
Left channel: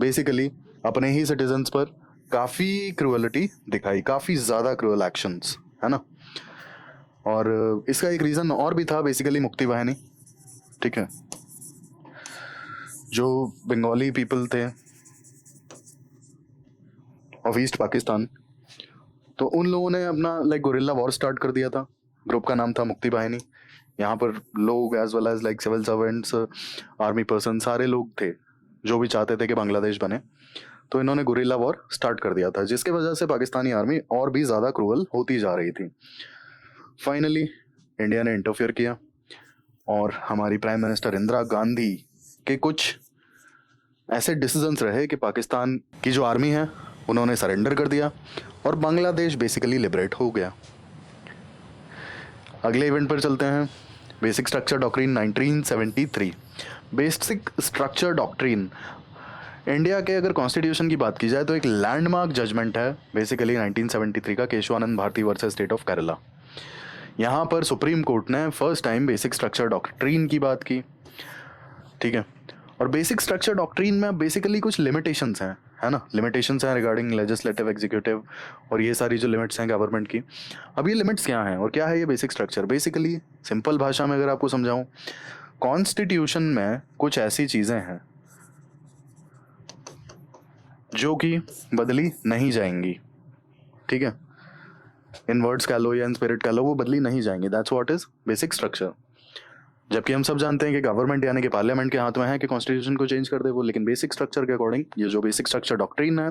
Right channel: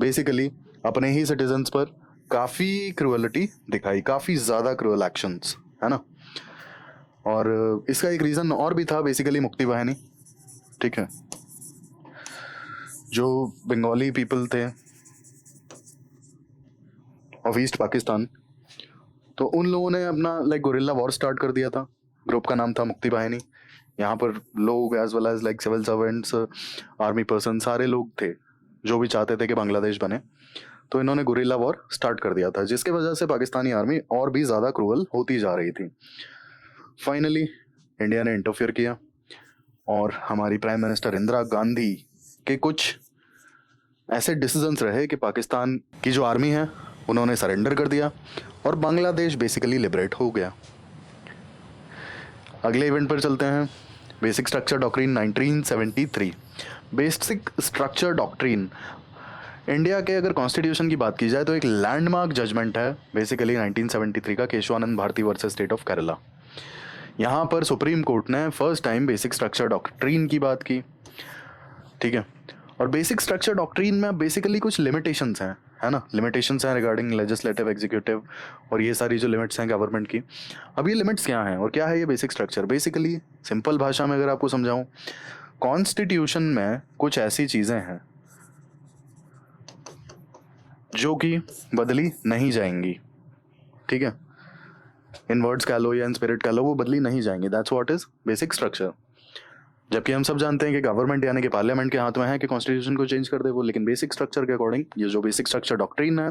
बेसिकली अपने ही सिटीजन्स पर काफ़ी क्रूअलिटी दिखाई, काफ़ी ज़्यादा क्रूअल एक्शंस, है ना। और इसका एक रीज़न और भी था, बेसिकली मुक्ति वाहिनी। ठीक है, जो बंगाली पीपल थे ऑफ ईस्ट पाकिस्तान, तो उन लोगों ने अपना गोरिल्ला वॉर स्टार्ट कर दिया था। ग्रुप का नाम था मुक्ति वाहिनी। यहाँ पर लोग as well as civil servants, army person, सारे लोग थे जो भी चाहते थे कि बांग्लादेश बने। तो इन्होंने गुरिल्ला वॉर स्टार्ट कर दिया था, जिसके वजह से पाकिस्तानी आर्मी और भी ज़्यादा क्रूअल होती जा रही थी। फाइनली इंडिया ने इंटरफेयर किया और हमारी प्राइम मिनिस्टर इंदिरा गांधी के कुछ ऐसे डिसीजंस रहे कि पाकिस्तान की जो आर्मी है उन्होंने सरेंडर कर दिया और बांग्लादेश बेसिकली लिबरेट हो गया। अगले इवेंट पर चलते हैं। Basic structure doctrine 1973। Basic structure doctrine India के अगर कॉन्स्टिट्यूशन की बात की जाए तो एक लैंडमार्क जजमेंट है, बेसिकली 1973 का Kesavananda Bharati versus state of Kerala. यहाँ पर सुप्रीम कोर्ट ने first time basic structure doctrine की बात की। ठीक है। और बेसिक स्ट्रक्चर डॉक्ट्रिन में बेसिकली कुछ लिमिटेशंस हैं, है ना। लिमिटेशंस हैं रिगार्डिंग लेजिस्लेटिव, एग्जीक्यूटिव और ये सारी जो लिमिट्स हैं गवर्नमेंट की। अब ये लिमिट्स क्या हैं और क्या है ये बेसिक स्ट्रक्चर? बेसिकली सिंपल भाषा में अगर आपको समझाऊं, कॉन्स्टिट्यूशन में कुछ ऐसी चीज़ें हैं जो कि बदली नहीं जाएंगी। ठीक है, इन वर्ड्स कह लो या इन स्पिरिट कह लो, वो बदली नहीं जाएंगी। That's what is basic structure. जबकि हम सब जानते हैं कि गवर्नमेंट यानी कि पार्लियामेंट के हाथ में है कि कॉन्स्टिट्यूशन को चेंज कर दे वो, लेकिन बेसिक स्ट्रक्चर के अकॉर्डिंग ये जो बेसिक स्ट्रक्चर डॉक्ट्रिन है,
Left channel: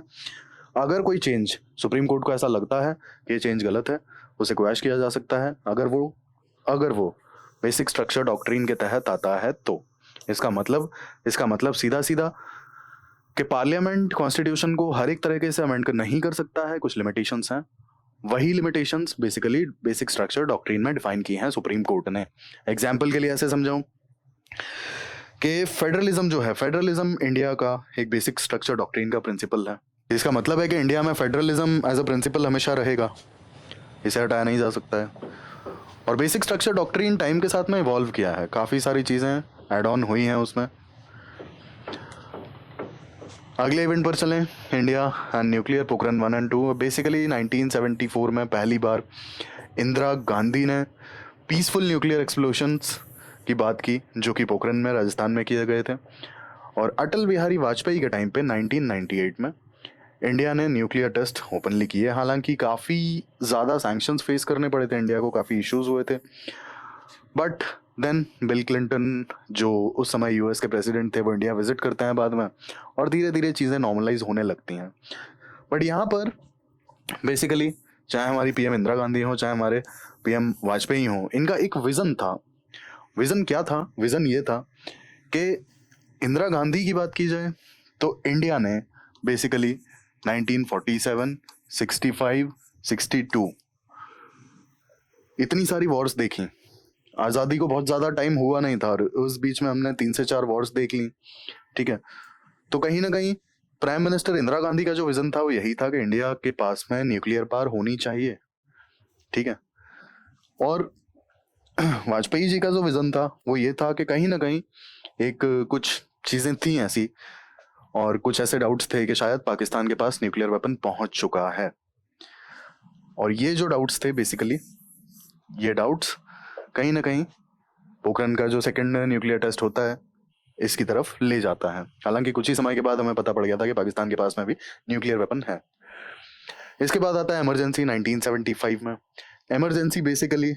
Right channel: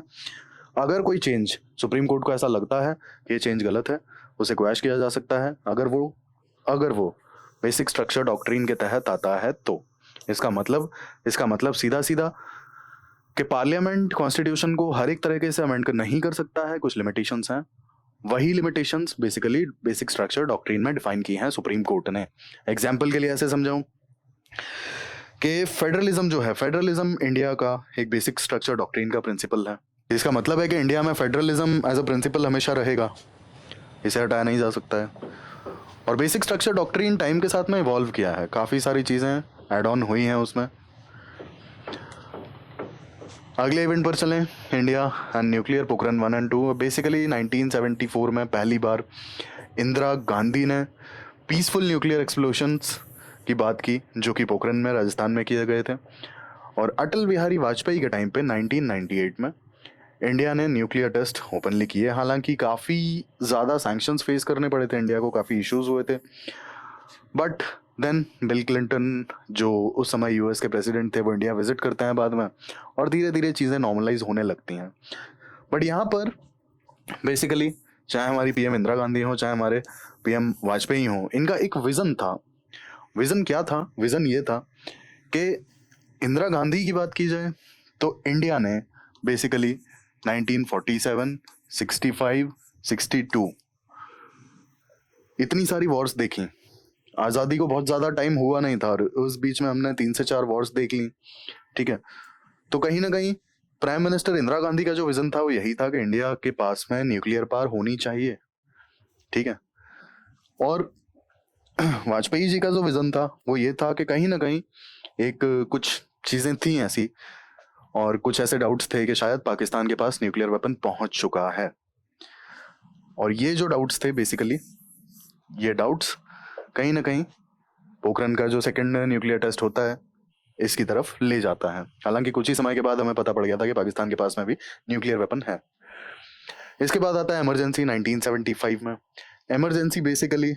अगर कोई चेंज सुप्रीम कोर्ट को ऐसा लगता है कि ये चेंज गलत है, उसे क्वैश किया जा सकता है अगर वो बेसिक स्ट्रक्चर डॉक्ट्रिन के तहत आता है। तो इसका मतलब सीधा सीधा कि पार्लियामेंट कॉन्स्टिट्यूशन को हर एक तरीके से अमेंड नहीं कर सकता है, कुछ लिमिटेशंस हैं। वही limitations basically basic structure doctrine में डिफाइन की हैं सुप्रीम कोर्ट ने। एग्जाम्पल के लिए ऐसे समझाऊं कि फेडरलिज्म जो है, फेडरलिज्म इंडिया का एक बेसिक स्ट्रक्चर डॉक्ट्रिन का प्रिंसिपल है। इसका मतलब है कि इंडिया में फेडरलिज्म एज अ प्रिंसिपल हमेशा रहेगा, इसे हटाया नहीं जा सकता है। और बेसिक स्ट्रक्चर डॉक्ट्रिन टाइम के साथ में इवॉल्व किया है, काफ़ी सारी चीज़ें ऐड ऑन हुई हैं उसमें। अगले इवेंट पर चलें, India and nuclear Pokhran 1 and 2। Basically 1974 में पहली बार इंदिरा गांधी ने पीसफुल न्यूक्लियर एक्सप्लोशंस की बात की, जो कि पोखरण में राजस्थान में किए गए थे। और अटल बिहारी वाजपेयी के टाइम पे 1998 में इंडिया ने न्यूक्लियर टेस्ट ओपनली किए। हालांकि काफ़ी ज़्यादा सैंक्शंस फेस करने पड़े थे इंडिया को, काफ़ी इश्यूज हुए थे। बट देन बिल क्लिंटन जो उस समय यूएस के प्रेसिडेंट थे, वो इंडिया विजिट करते हैं बाद में और धीरे धीरे चीज़ें नॉर्मलाइज होने लगती हैं। बट यहाँ पर बेसिकली चाहे हमारी पीएम इंदिरा गांधी हो, चाहे हमारे पीएम वाजपेयी हो, इनका एक विज़न था। विज़न क्या था? विज़न ये था कि इंदिरा गांधी की बात की जाए तो इंडिया ने बेसिकली 1947, 65, 62 इतनी सारी वॉर्स देखी, आज़ादी को बहुत ज़्यादा टाइम हुआ नहीं था और उस बीच में हमने 3 से 4 वॉर्स देख ली, ठीक है। तो कहीं ना कहीं प्राइम मिनिस्टर इंदिरा गांधी का जो विजन था वो यही था कि इंडिया के पास में न्यूक्लियर पावर होनी चाहिए, ठीक है। और वाजपेयी जी का जो विजन था वो ये था कि कहीं ना कहीं एक कुछ चीजें थी ऐसी और कुछ ऐसे डाउट्स थे कि शायद पाकिस्तान के पास न्यूक्लियर वेपन पहुंच चुका है। और ये जो डाउट्स थे बेसिकली, ये डाउट्स कहीं ना कहीं पोखरण का जो सेकंड न्यूक्लियर टेस्ट होता है इसकी तरफ ले जाता है। हालांकि कुछ ही समय के बाद हमें पता पड़ गया था कि पाकिस्तान के पास में भी न्यूक्लियर वेपन है। इसके बाद आता है इमरजेंसी 1975 में। Emergency basically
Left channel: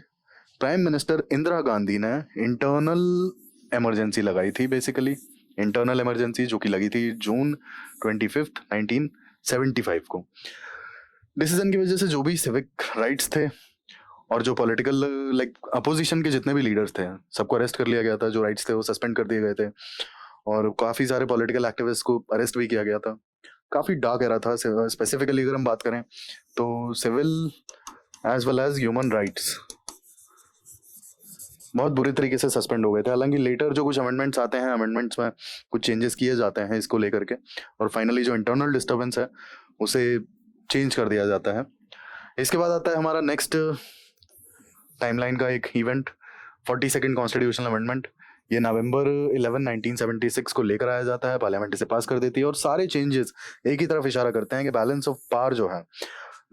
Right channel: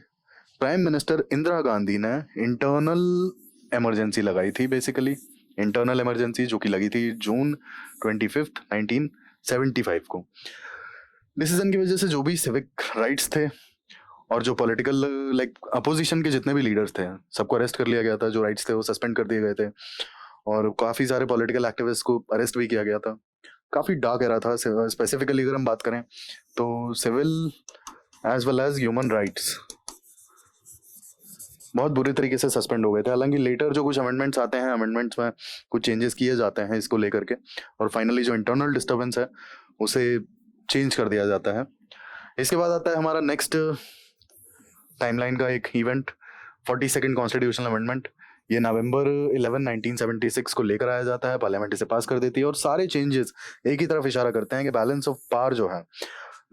prime minister Indira Gandhi ने इंटरनल इमरजेंसी लगाई थी, बेसिकली इंटरनल इमरजेंसी जो कि लगी थी जून 25 1975 को। डिसीजन की वजह से जो भी सिविक राइट्स थे और जो पॉलिटिकल अपोजिशन के जितने भी लीडर्स थे सबको अरेस्ट कर लिया गया था, जो राइट्स थे वो सस्पेंड कर दिए गए थे और काफी सारे पॉलिटिकल एक्टिविस्ट को अरेस्ट भी किया गया था। काफी डार्क एरा था। स्पेसिफिकली अगर हम बात करें तो civil as well as human rights बहुत बुरी तरीके से सस्पेंड हो गए थे। हालांकि लेटर जो कुछ अमेंडमेंट्स आते हैं, अमेंडमेंट्स में कुछ चेंजेस किए जाते हैं इसको लेकर के और फाइनली जो इंटरनल डिस्टर्बेंस है उसे चेंज कर दिया जाता है। इसके बाद आता है हमारा नेक्स्ट टाइमलाइन का एक इवेंट, 42nd कॉन्स्टिट्यूशनल अमेंडमेंट। ये नवंबर 11 1976 को लेकर आया जाता है, पार्लियामेंट इसे पास कर देती है और सारे चेंजेस एक ही तरफ इशारा करते हैं कि बैलेंस ऑफ पावर जो है,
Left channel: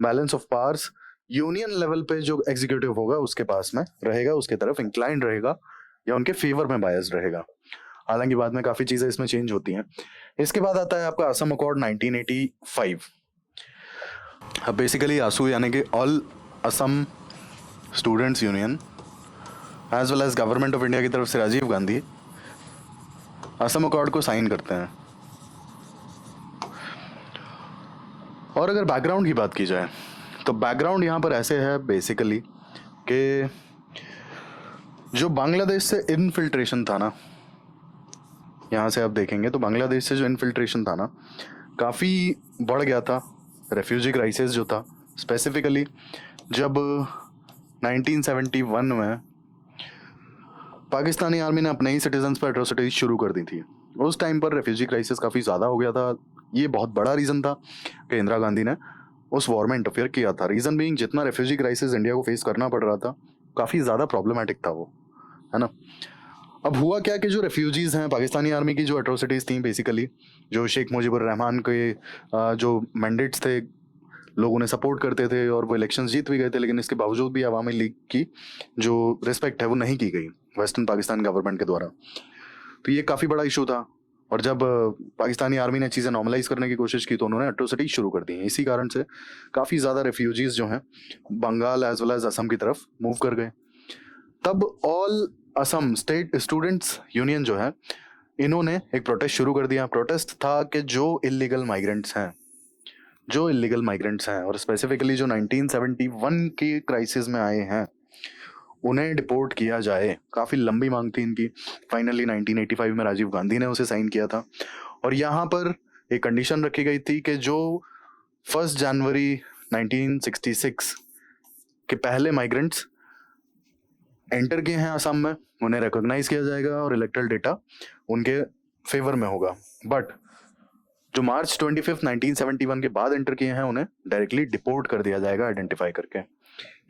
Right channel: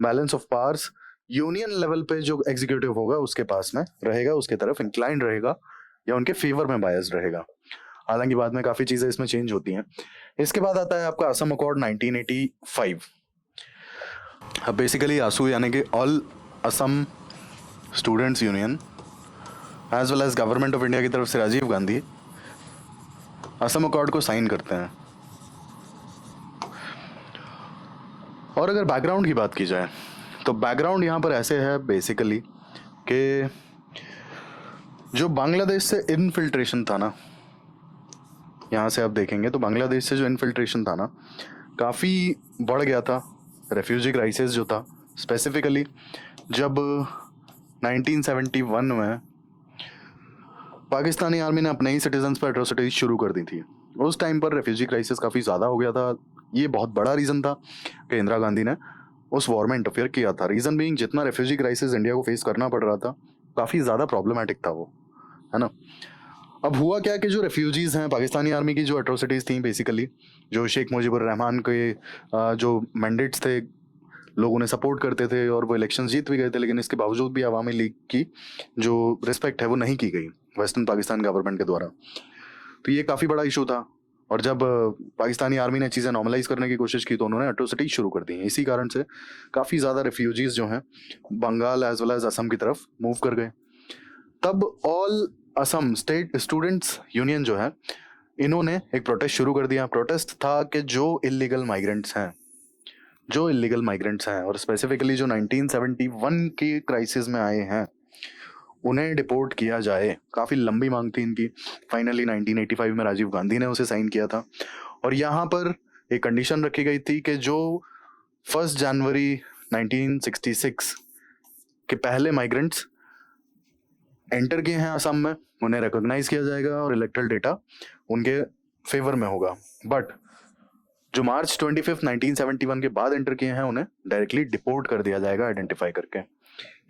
balance of powers union level पे जो एग्जीक्यूटिव होगा उसके पास में रहेगा, उसके तरफ इंक्लाइंड रहेगा या उनके फेवर में बायस्ड रहेगा। हालांकि बाद में काफी चीजें इसमें चेंज होती हैं। इसके बाद आता है आपका असम अकॉर्ड 1985। अब बेसिकली आसू यानी कि all Assam students union as well as government of India की तरफ से राजीव गांधी असम अकॉर्ड को साइन करते हैं। और अगर बैकग्राउंड की बात की जाए तो बैकग्राउंड यहाँ पर ऐसे है बेसिकली कि जो बांग्लादेश से इनफिल्ट्रेशन था ना, यहाँ से आप देखेंगे तो बांग्लादेश से जो इनफिल्ट्रेशन था ना काफ़ी बढ़ गया था। रेफ्यूजी क्राइसिस जो था स्पेसिफिकली जब 1971 में पाकिस्तानी आर्मी ने अपने ही सिटीजन्स पर एट्रोसिटीज शुरू कर दी थी, उस टाइम पर रेफ्यूजी क्राइसिस काफ़ी ज़्यादा हो गया था। ये बहुत बड़ा रीज़न था कि इंदिरा गांधी ने उस वॉर में इंटरफेयर किया था। रीज़न बीइंग जितना रेफ्यूजी क्राइसिस इंडिया को फेस करना पड़ रहा था काफ़ी ज़्यादा प्रॉब्लमेटिक था वो, है ना। अब हुआ क्या कि जो रेफ्यूजीज़ हैं, पाकिस्तानी आर्मी की जो एट्रोसिटीज़ थी बेसिकली, जो शेख मुजीबुर रहमान के जो मैंडेट्स थे लोग उन्हें सपोर्ट करते थे और वो इलेक्शंस जीत भी गए थे, लेकिन इसके बावजूद भी अवामी लीग की जो रिस्पेक्ट है वो नहीं की गई वेस्टर्न पाकिस्तान गवर्नमेंट के द्वारा। तो ये काफ़ी बड़ा इशू था और जब पाकिस्तानी आर्मी ने चीज़ें नॉर्मलाइज करने की कोशिश की तो उन्होंने एट्रोसिटी शुरू कर दी। इसी कारण से काफ़ी ज़्यादा रेफ्यूजीज जो हैं Bengal as well as Assam की तरफ मूव कर गए। तब all Assam state students union जो है इन्होंने एक प्रोटेस्ट शुरू कर दिया। प्रोटेस्ट था कि जो इलीगल माइग्रेंट्स हैं और स्पेसिफिकली जो 1971 की क्राइसिस में आए हैं उन्हें डिपोर्ट किया जाए। काफ़ी लंबी मांग थी इनकी। फाइनली 1985 में राजीव गांधी ने उसे साइन किया था और यहाँ पर एक कंडीशन रखी गई थी कि जो 1 जनवरी 1966 के पहले माइग्रेंट्स एंटर किए हैं असम में उन्हें रिकॉग्नाइज किया जाएगा और इलेक्टोरल डेटा उनके फेवर में होगा। बट जो मार्च 25 1971 के बाद एंटर किए हैं उन्हें डायरेक्टली डिपोर्ट कर दिया जाएगा आइडेंटिफाई करके।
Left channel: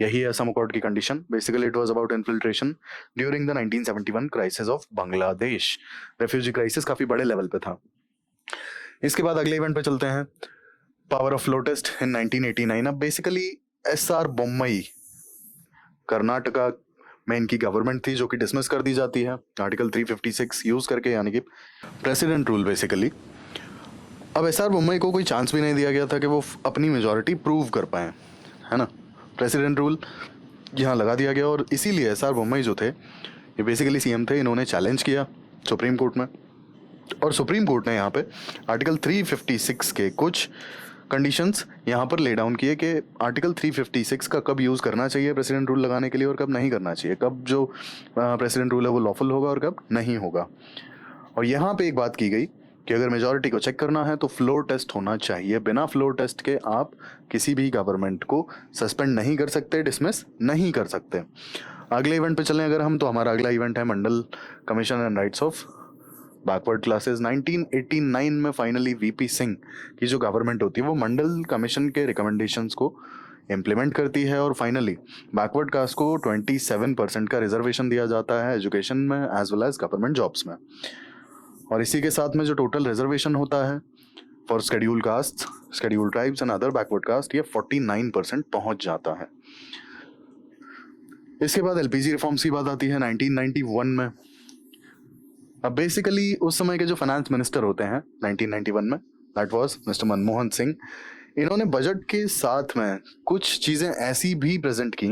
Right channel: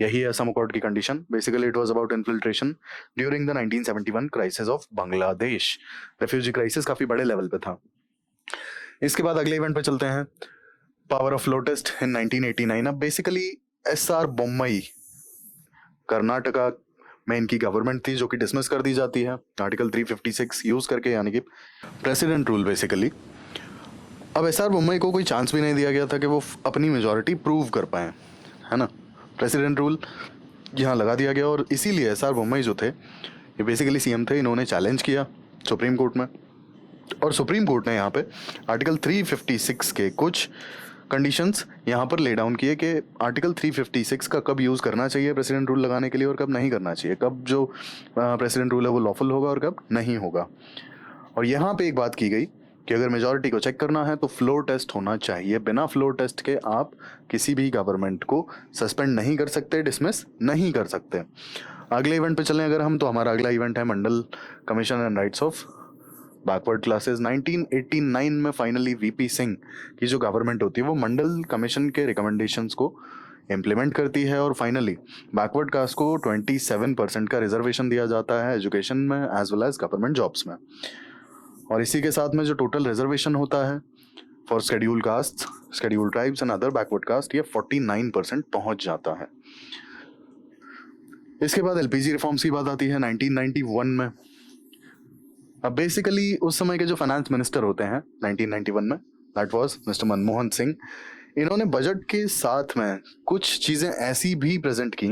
यही है असम अकॉर्ड की condition. Basically it was about infiltration during the 1971 crisis of Bangladesh. Refugee crisis काफी बड़े लेवल पे था। इसके बाद अगले इवेंट पे चलते हैं, पावर ऑफ फ्लो टेस्ट इन 1989। अब बेसिकली एसआर बोम्मई कर्नाटका में इनकी गवर्नमेंट थी जो कि डिसमिस कर दी जाती है आर्टिकल 356 यूज करके, यानी कि प्रेसिडेंट रूल बेसिकली। अब एसआर बोम्मई को कोई चांस भी नहीं दिया गया था कि वो अपनी मेजॉरिटी प्रूव कर पाए, है ना। प्रेसिडेंट रूल यहाँ लगा दिया गया और इसीलिए एसआर बोम्मई जो थे ये बेसिकली सीएम थे। इन्होंने चैलेंज किया सुप्रीम कोर्ट में और सुप्रीम कोर्ट ने यहाँ पे आर्टिकल 356 के कुछ कंडीशंस यहाँ पर ले डाउन किए कि आर्टिकल 356 का कब यूज़ करना चाहिए प्रेसिडेंट रूल लगाने के लिए और कब नहीं करना चाहिए, कब जो प्रेसिडेंट रूल है वो लॉफुल होगा और कब नहीं होगा। और यहाँ पे एक बात की गई कि अगर मेजॉरिटी को चेक करना है तो फ्लोर टेस्ट होना चाहिए। बिना फ्लोर टेस्ट के आप किसी भी गवर्नमेंट को सस्पेंड नहीं कर सकते, डिसमिस नहीं कर सकते। अगले इवेंट पे चलें अगर हम, तो हमारा अगला इवेंट है Mandal commission and rights of backward classes. 1989 में फाइनली वीपी सिंह की जो गवर्नमेंट होती है वो मंडल कमीशन के रिकमेंडेशंस को इम्प्लीमेंट करती है और फाइनली बैकवर्ड कास्ट को 27% का रिजर्वेशन दिया जाता है एजुकेशन में as well as government jobs में। और इसी के साथ में जो टोटल रिजर्वेशन होता है for schedule caste, schedule tribes and other backward caste, ये 49% पहुंच जाता है। इसके बाद एलपीजी रिफॉर्म्स की बात आती है 1991 में। अब बेसिकली उस समय के जो फाइनेंस मिनिस्टर होते हैं 1991 में, that was mister Manmohan Singh. इन्होंने बजट के साथ में कुछ चीजें ऐसी भी प्रेजेंट की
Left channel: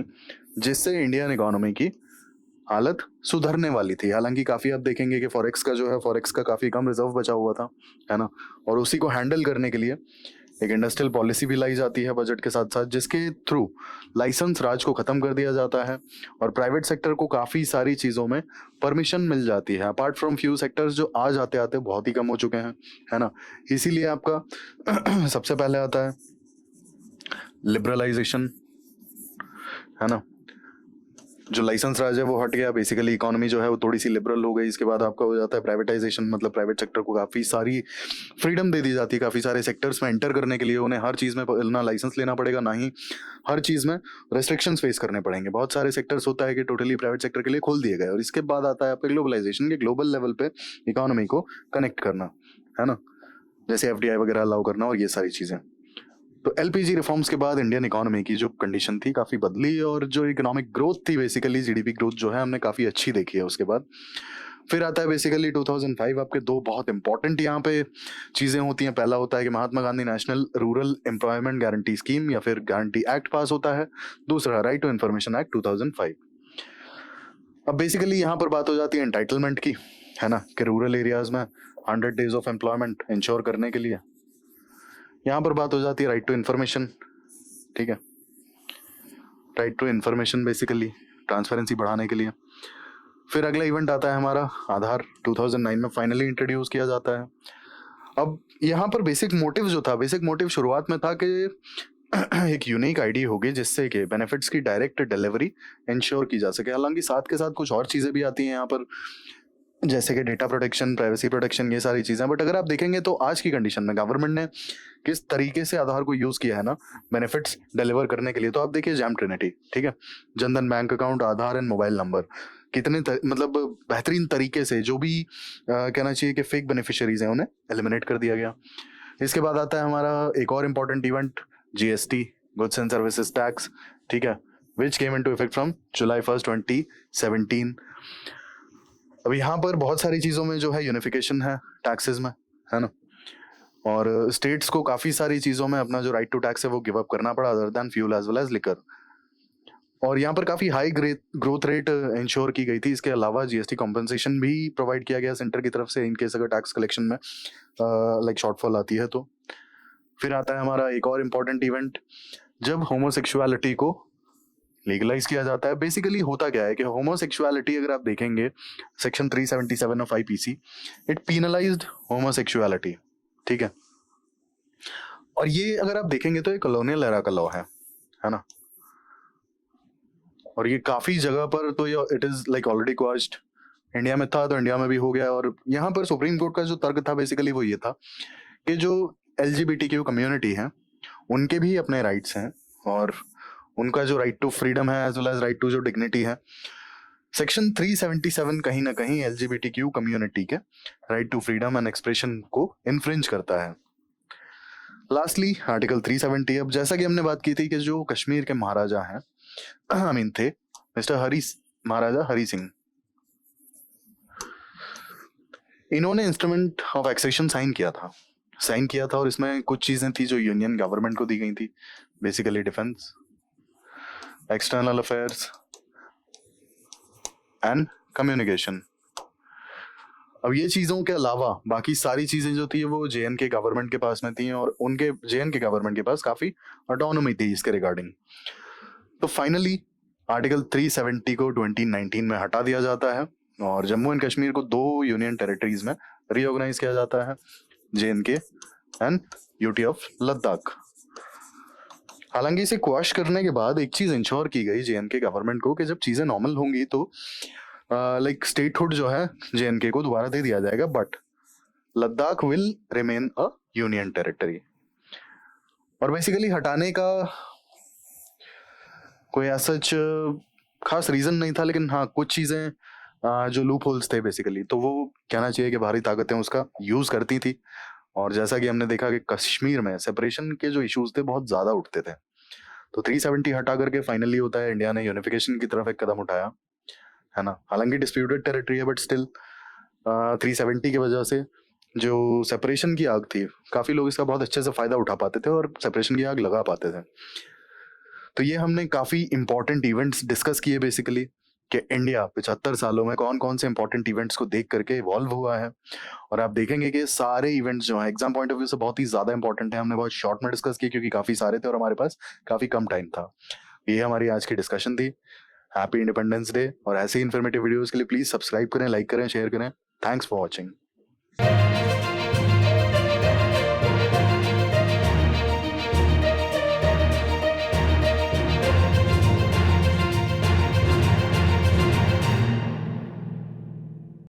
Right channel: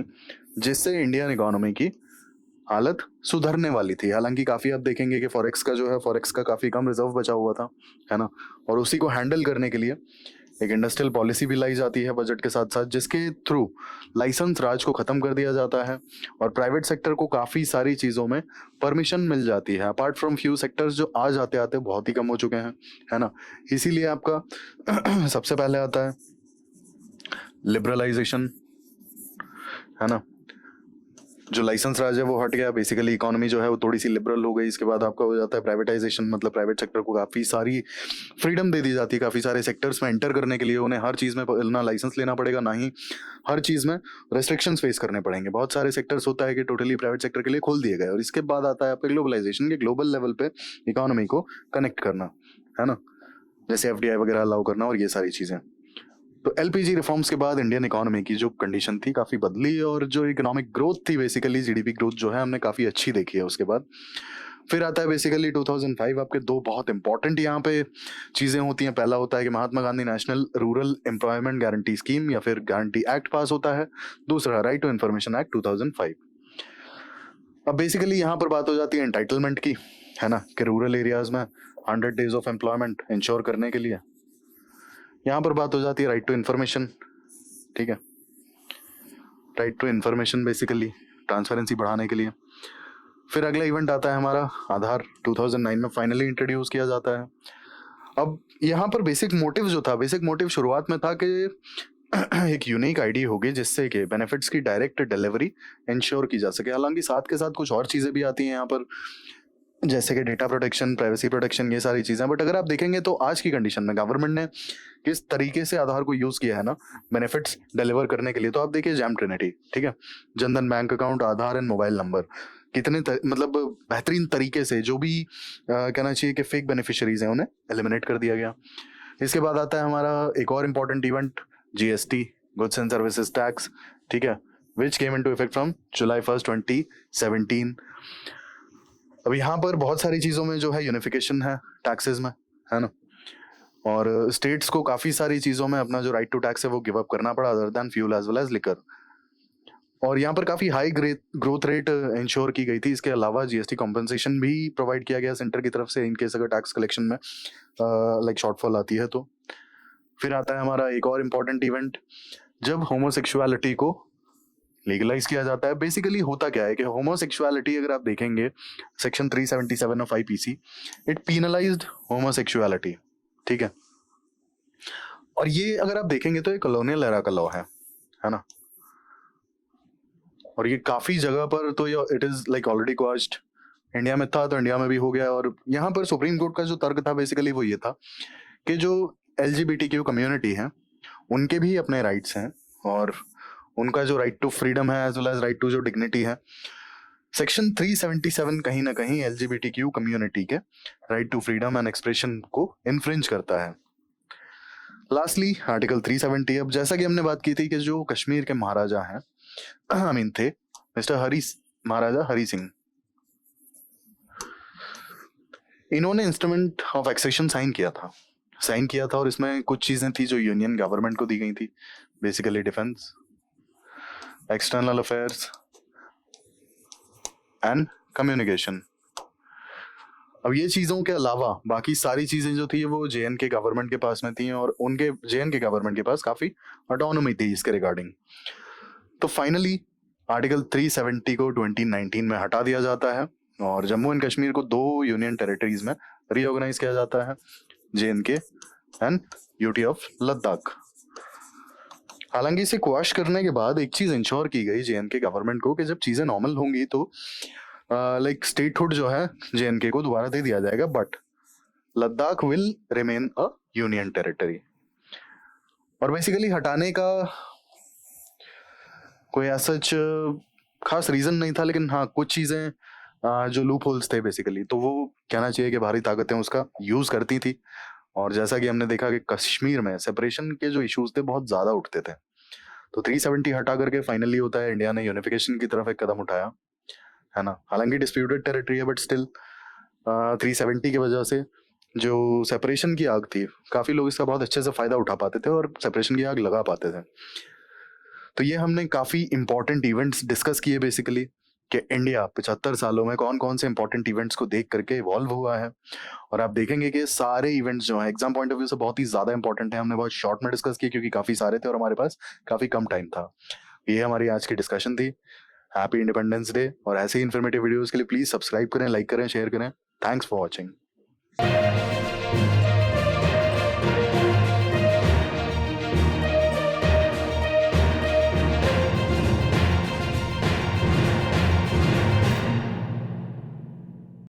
जिससे इंडियन इकोनॉमी की हालत सुधरने वाली थी। हालांकि काफी आप देखेंगे कि फॉरेक्स का जो है, फॉरेक्स का काफी कम रिजर्व बचा हुआ था, है ना, और उसी को हैंडल करने के लिए एक इंडस्ट्रियल पॉलिसी भी लाई जाती है बजट के साथ साथ, जिसके थ्रू लाइसेंस राज को खत्म कर दिया जाता है और प्राइवेट सेक्टर को काफी सारी चीजों में परमिशन मिल जाती है, अपार्ट फ्रॉम फ्यू सेक्टर्स जो आज आते आते बहुत ही कम हो चुके हैं, है ना। इसीलिए आपका सबसे पहले आता है लिबरलाइजेशन, है ना। जो लाइसेंस राज है वो हट गया, बेसिकली इकोनॉमी जो है वो थोड़ी सी लिबरल हो गई। इसके बाद आपका हो जाता है प्राइवेटाइजेशन, मतलब प्राइवेट सेक्टर को काफी सारी फ्रीडम दे दी जाती है काफी सारे सेक्टर्स में एंटर करने के लिए। उन्हें हर चीज में ना लाइसेंस लेना पड़ेगा, ना ही हर चीज में रेस्ट्रिक्शंस फेस करने पड़ेंगे। बहुत सारे सेक्टर्स होता है कि टोटली प्राइवेट सेक्टर के लिए खोल दिए गए। और इसके बाद आता है आपका ग्लोबलाइजेशन, के ग्लोबल लेवल पे इकोनॉमी को कनेक्ट करना, है ना, जैसे एफडीआई वगैरह अलाउ करना और ये सारी चीजें। तो एलपीजी रिफॉर्म्स के बाद इंडियन इकोनॉमी की जो कंडीशन थी काफी बदली और जो इकोनॉमिक ग्रोथ थी, बेसिकली जीडीपी ग्रोथ जो है हमने काफी अच्छी देखी है। उसके बाद फिर आता है बेसिकली 2005। आपके दो बहुत इंपॉर्टेंट यहाँ पे चीजें होती हैं। पहला होता है कि Mahatma Gandhi national rural employment guarantee scheme या फिर गारंटी एक्ट पास होता है। दूसरा राइट टू इन्फॉर्मेशन एक्ट 2005। अब बेसिकली यहाँ पर बात हो जाती है एंटाइटलमेंट की, है ना, कि रूरल एरियाज में 100 डेज ऑफ एम्प्लॉयमेंट इंश्योर करने के लिए। यहाँ पर बात हो जाती है राइट टू इन्फॉर्मेशन, ठीक है, right to information basically transparency बढ़ाने के लिए। फिर अगला इवेंट आता है हमारा आधार, 2009 में फाइनली इंट्रोड्यूस किया जाता है। अब यहाँ पर बेसिक मोटिव जो था, बेसिक मोटिव शुरुआत में था कि एक यूनिक आईडी होगी जिससे कि बेनिफिट्स की डायरेक्ट डिलीवरी इंश्योर की जा सके। हालांकि साथ के साथ कुछ और चीजें भी आती हैं यहाँ पर, जैसे कि डेटा प्रोटेक्शन, प्राइवेसी प्रोटेक्शन, ये सारी चीजें। बट अगर आप देखेंगे तो आज की कंडीशन में गवर्नमेंट ने किस तरीके से आधार को यूज किया है ना बेनिफिट्स डिलीवर करने के लिए, तो आप देखिए जैम ट्रिनिटी, ठीक है, Jan Dhan bank account, Aadhaar and mobile number, कितने मतलब बेहतरीन तरीके से जो भी कहना चाहिए कि फेक बेनिफिशियरीज हैं उन्हें एलिमिनेट कर दिया गया। इसके बाद आता है हमारा एक और important event, GST, goods and services tax, ठीक है, which came into effect from July 1st 2017। अब यहाँ पर बहुत सारी चीजों में जो है यूनिफिकेशन है टैक्सेस में, है ना, और स्टेट्स को काफी सारी चीजों में अपना जो राइट टू टैक्स है वो गिव अप करना पड़ा, other than fuel as well as liquor. और यहाँ पर काफी हाई ग्रोथ रेट इंश्योर की गई थी। इसके अलावा जीएसटी कॉम्पनसेशन भी प्रोवाइड किया गया सेंटर की तरफ से इन केस अगर टैक्स कलेक्शन में लाइक शॉर्टफॉल आती है तो। फिर आता है हमारा एक और इम्पोर्टेंट इवेंट, जब होमोसेक्सुअलिटी को लीगलाइज किया जाता है। बेसिकली होता क्या है कि होमोसेक्सुअलिटी अगर आप देखेंगे section 377 of IPC, it penalised homosexuality, ठीक है। और ये अगर आप देखेंगे तो ये कॉलोनियल एरा का लॉ है ना, और ये काफी जगह पर तो ये it is like already quashed. India में था तो इंडिया में भी हो गया। और यहाँ पर सुप्रीम कोर्ट का जो तर्क था बेसिकली वो ये था कि जो एलजीबीटीक्यू कम्युनिटी है उनके भी अपने राइट्स हैं और उनका जो राइट टू फ्रीडम है as well as right to जो डिग्निटी है। सेक्शन 377 कहीं ना कहीं एलजीबीटीक्यू कम्युनिटी के right to freedom and expression को इन्फ्रिंज करता है। Lastly article 370। अब जैसा कि हमने बात की थी कि जो कश्मीर के महाराजा हैं थे मिस्टर महाराजा हरी सिंह, इन्होंने इंस्ट्रूमेंट ऑफ एक्सेशन साइन किया था और इसमें कुछ चीजें थी जो यूनियन गवर्नमेंट को दी गई थी, basically defence, external affairs and communication. अब ये चीजों के अलावा बाकी सारी चीजें जो थी वो जेएनके गवर्नमेंट के पास में थी और उनके जेएनके गवर्नमेंट के पास काफी ऑटोनॉमी थी इसके रिगार्डिंग। तो फाइनली आर्टिकल 370 को 2019 में हटा दिया जाता है और जम्मू एंड कश्मीर को 2 यूनियन टेरिटरीज में रीऑर्गेनाइज किया जाता है JNK and UT of Ladakh. हालांकि इसे क्वैश करने के बाद एक चीज इंश्योर की गई JNK गवर्नमेंट को कि जब चीजें नॉर्मल होंगी तो लाइक स्टेटहुड जो है JNK को दोबारा दे दिया जाएगा, but Ladakh will remain a union territory. और बेसिकली हटाने का कोई ऐसा खास रीजन नहीं था, लेकिन हाँ कुछ चीजें जो लूप होल्स थे बेसिकली, तो वो कहना चाहिए कि बाहरी ताकतें उसका यूज करती थी। और जैसा कि हमने देखा कि कश्मीर में सेपरेशन के जो इश्यूज थे बहुत ज्यादा उठते थे, तो 370 हटा करके फाइनली होता है इंडिया ने यूनिफिकेशन की तरफ एक कदम उठाया, है ना। हालांकि डिस्प्यूटेड टेरिटरी है, बट स्टिल 370 की वजह से जो सेपरेशन की आग थी, काफी लोग इसका बहुत अच्छे से फायदा उठा पाते थे और सेपरेशन की आग लगा पाते थे। तो ये हमने काफी इंपॉर्टेंट इवेंट्स डिस्कस किए बेसिकली, कि इंडिया 75 सालों में कौन कौन से इंपॉर्टेंट इवेंट्स को देख करके इवॉल्व हुआ है। और आप देखेंगे कि सारे इवेंट्स जो हैं एग्जाम पॉइंट ऑफ व्यू से बहुत ही ज्यादा इंपॉर्टेंट है। हमने बहुत शॉर्ट में डिस्कस किए क्योंकि काफी सारे थे और हमारे पास काफी कम टाइम था। ये हमारी आज की डिस्कशन थी। Happy independence day. और ऐसे ही इन्फॉर्मेटिव वीडियोस के लिए प्लीज सब्सक्राइब करें, लाइक करें, शेयर करें। Thanks for watching.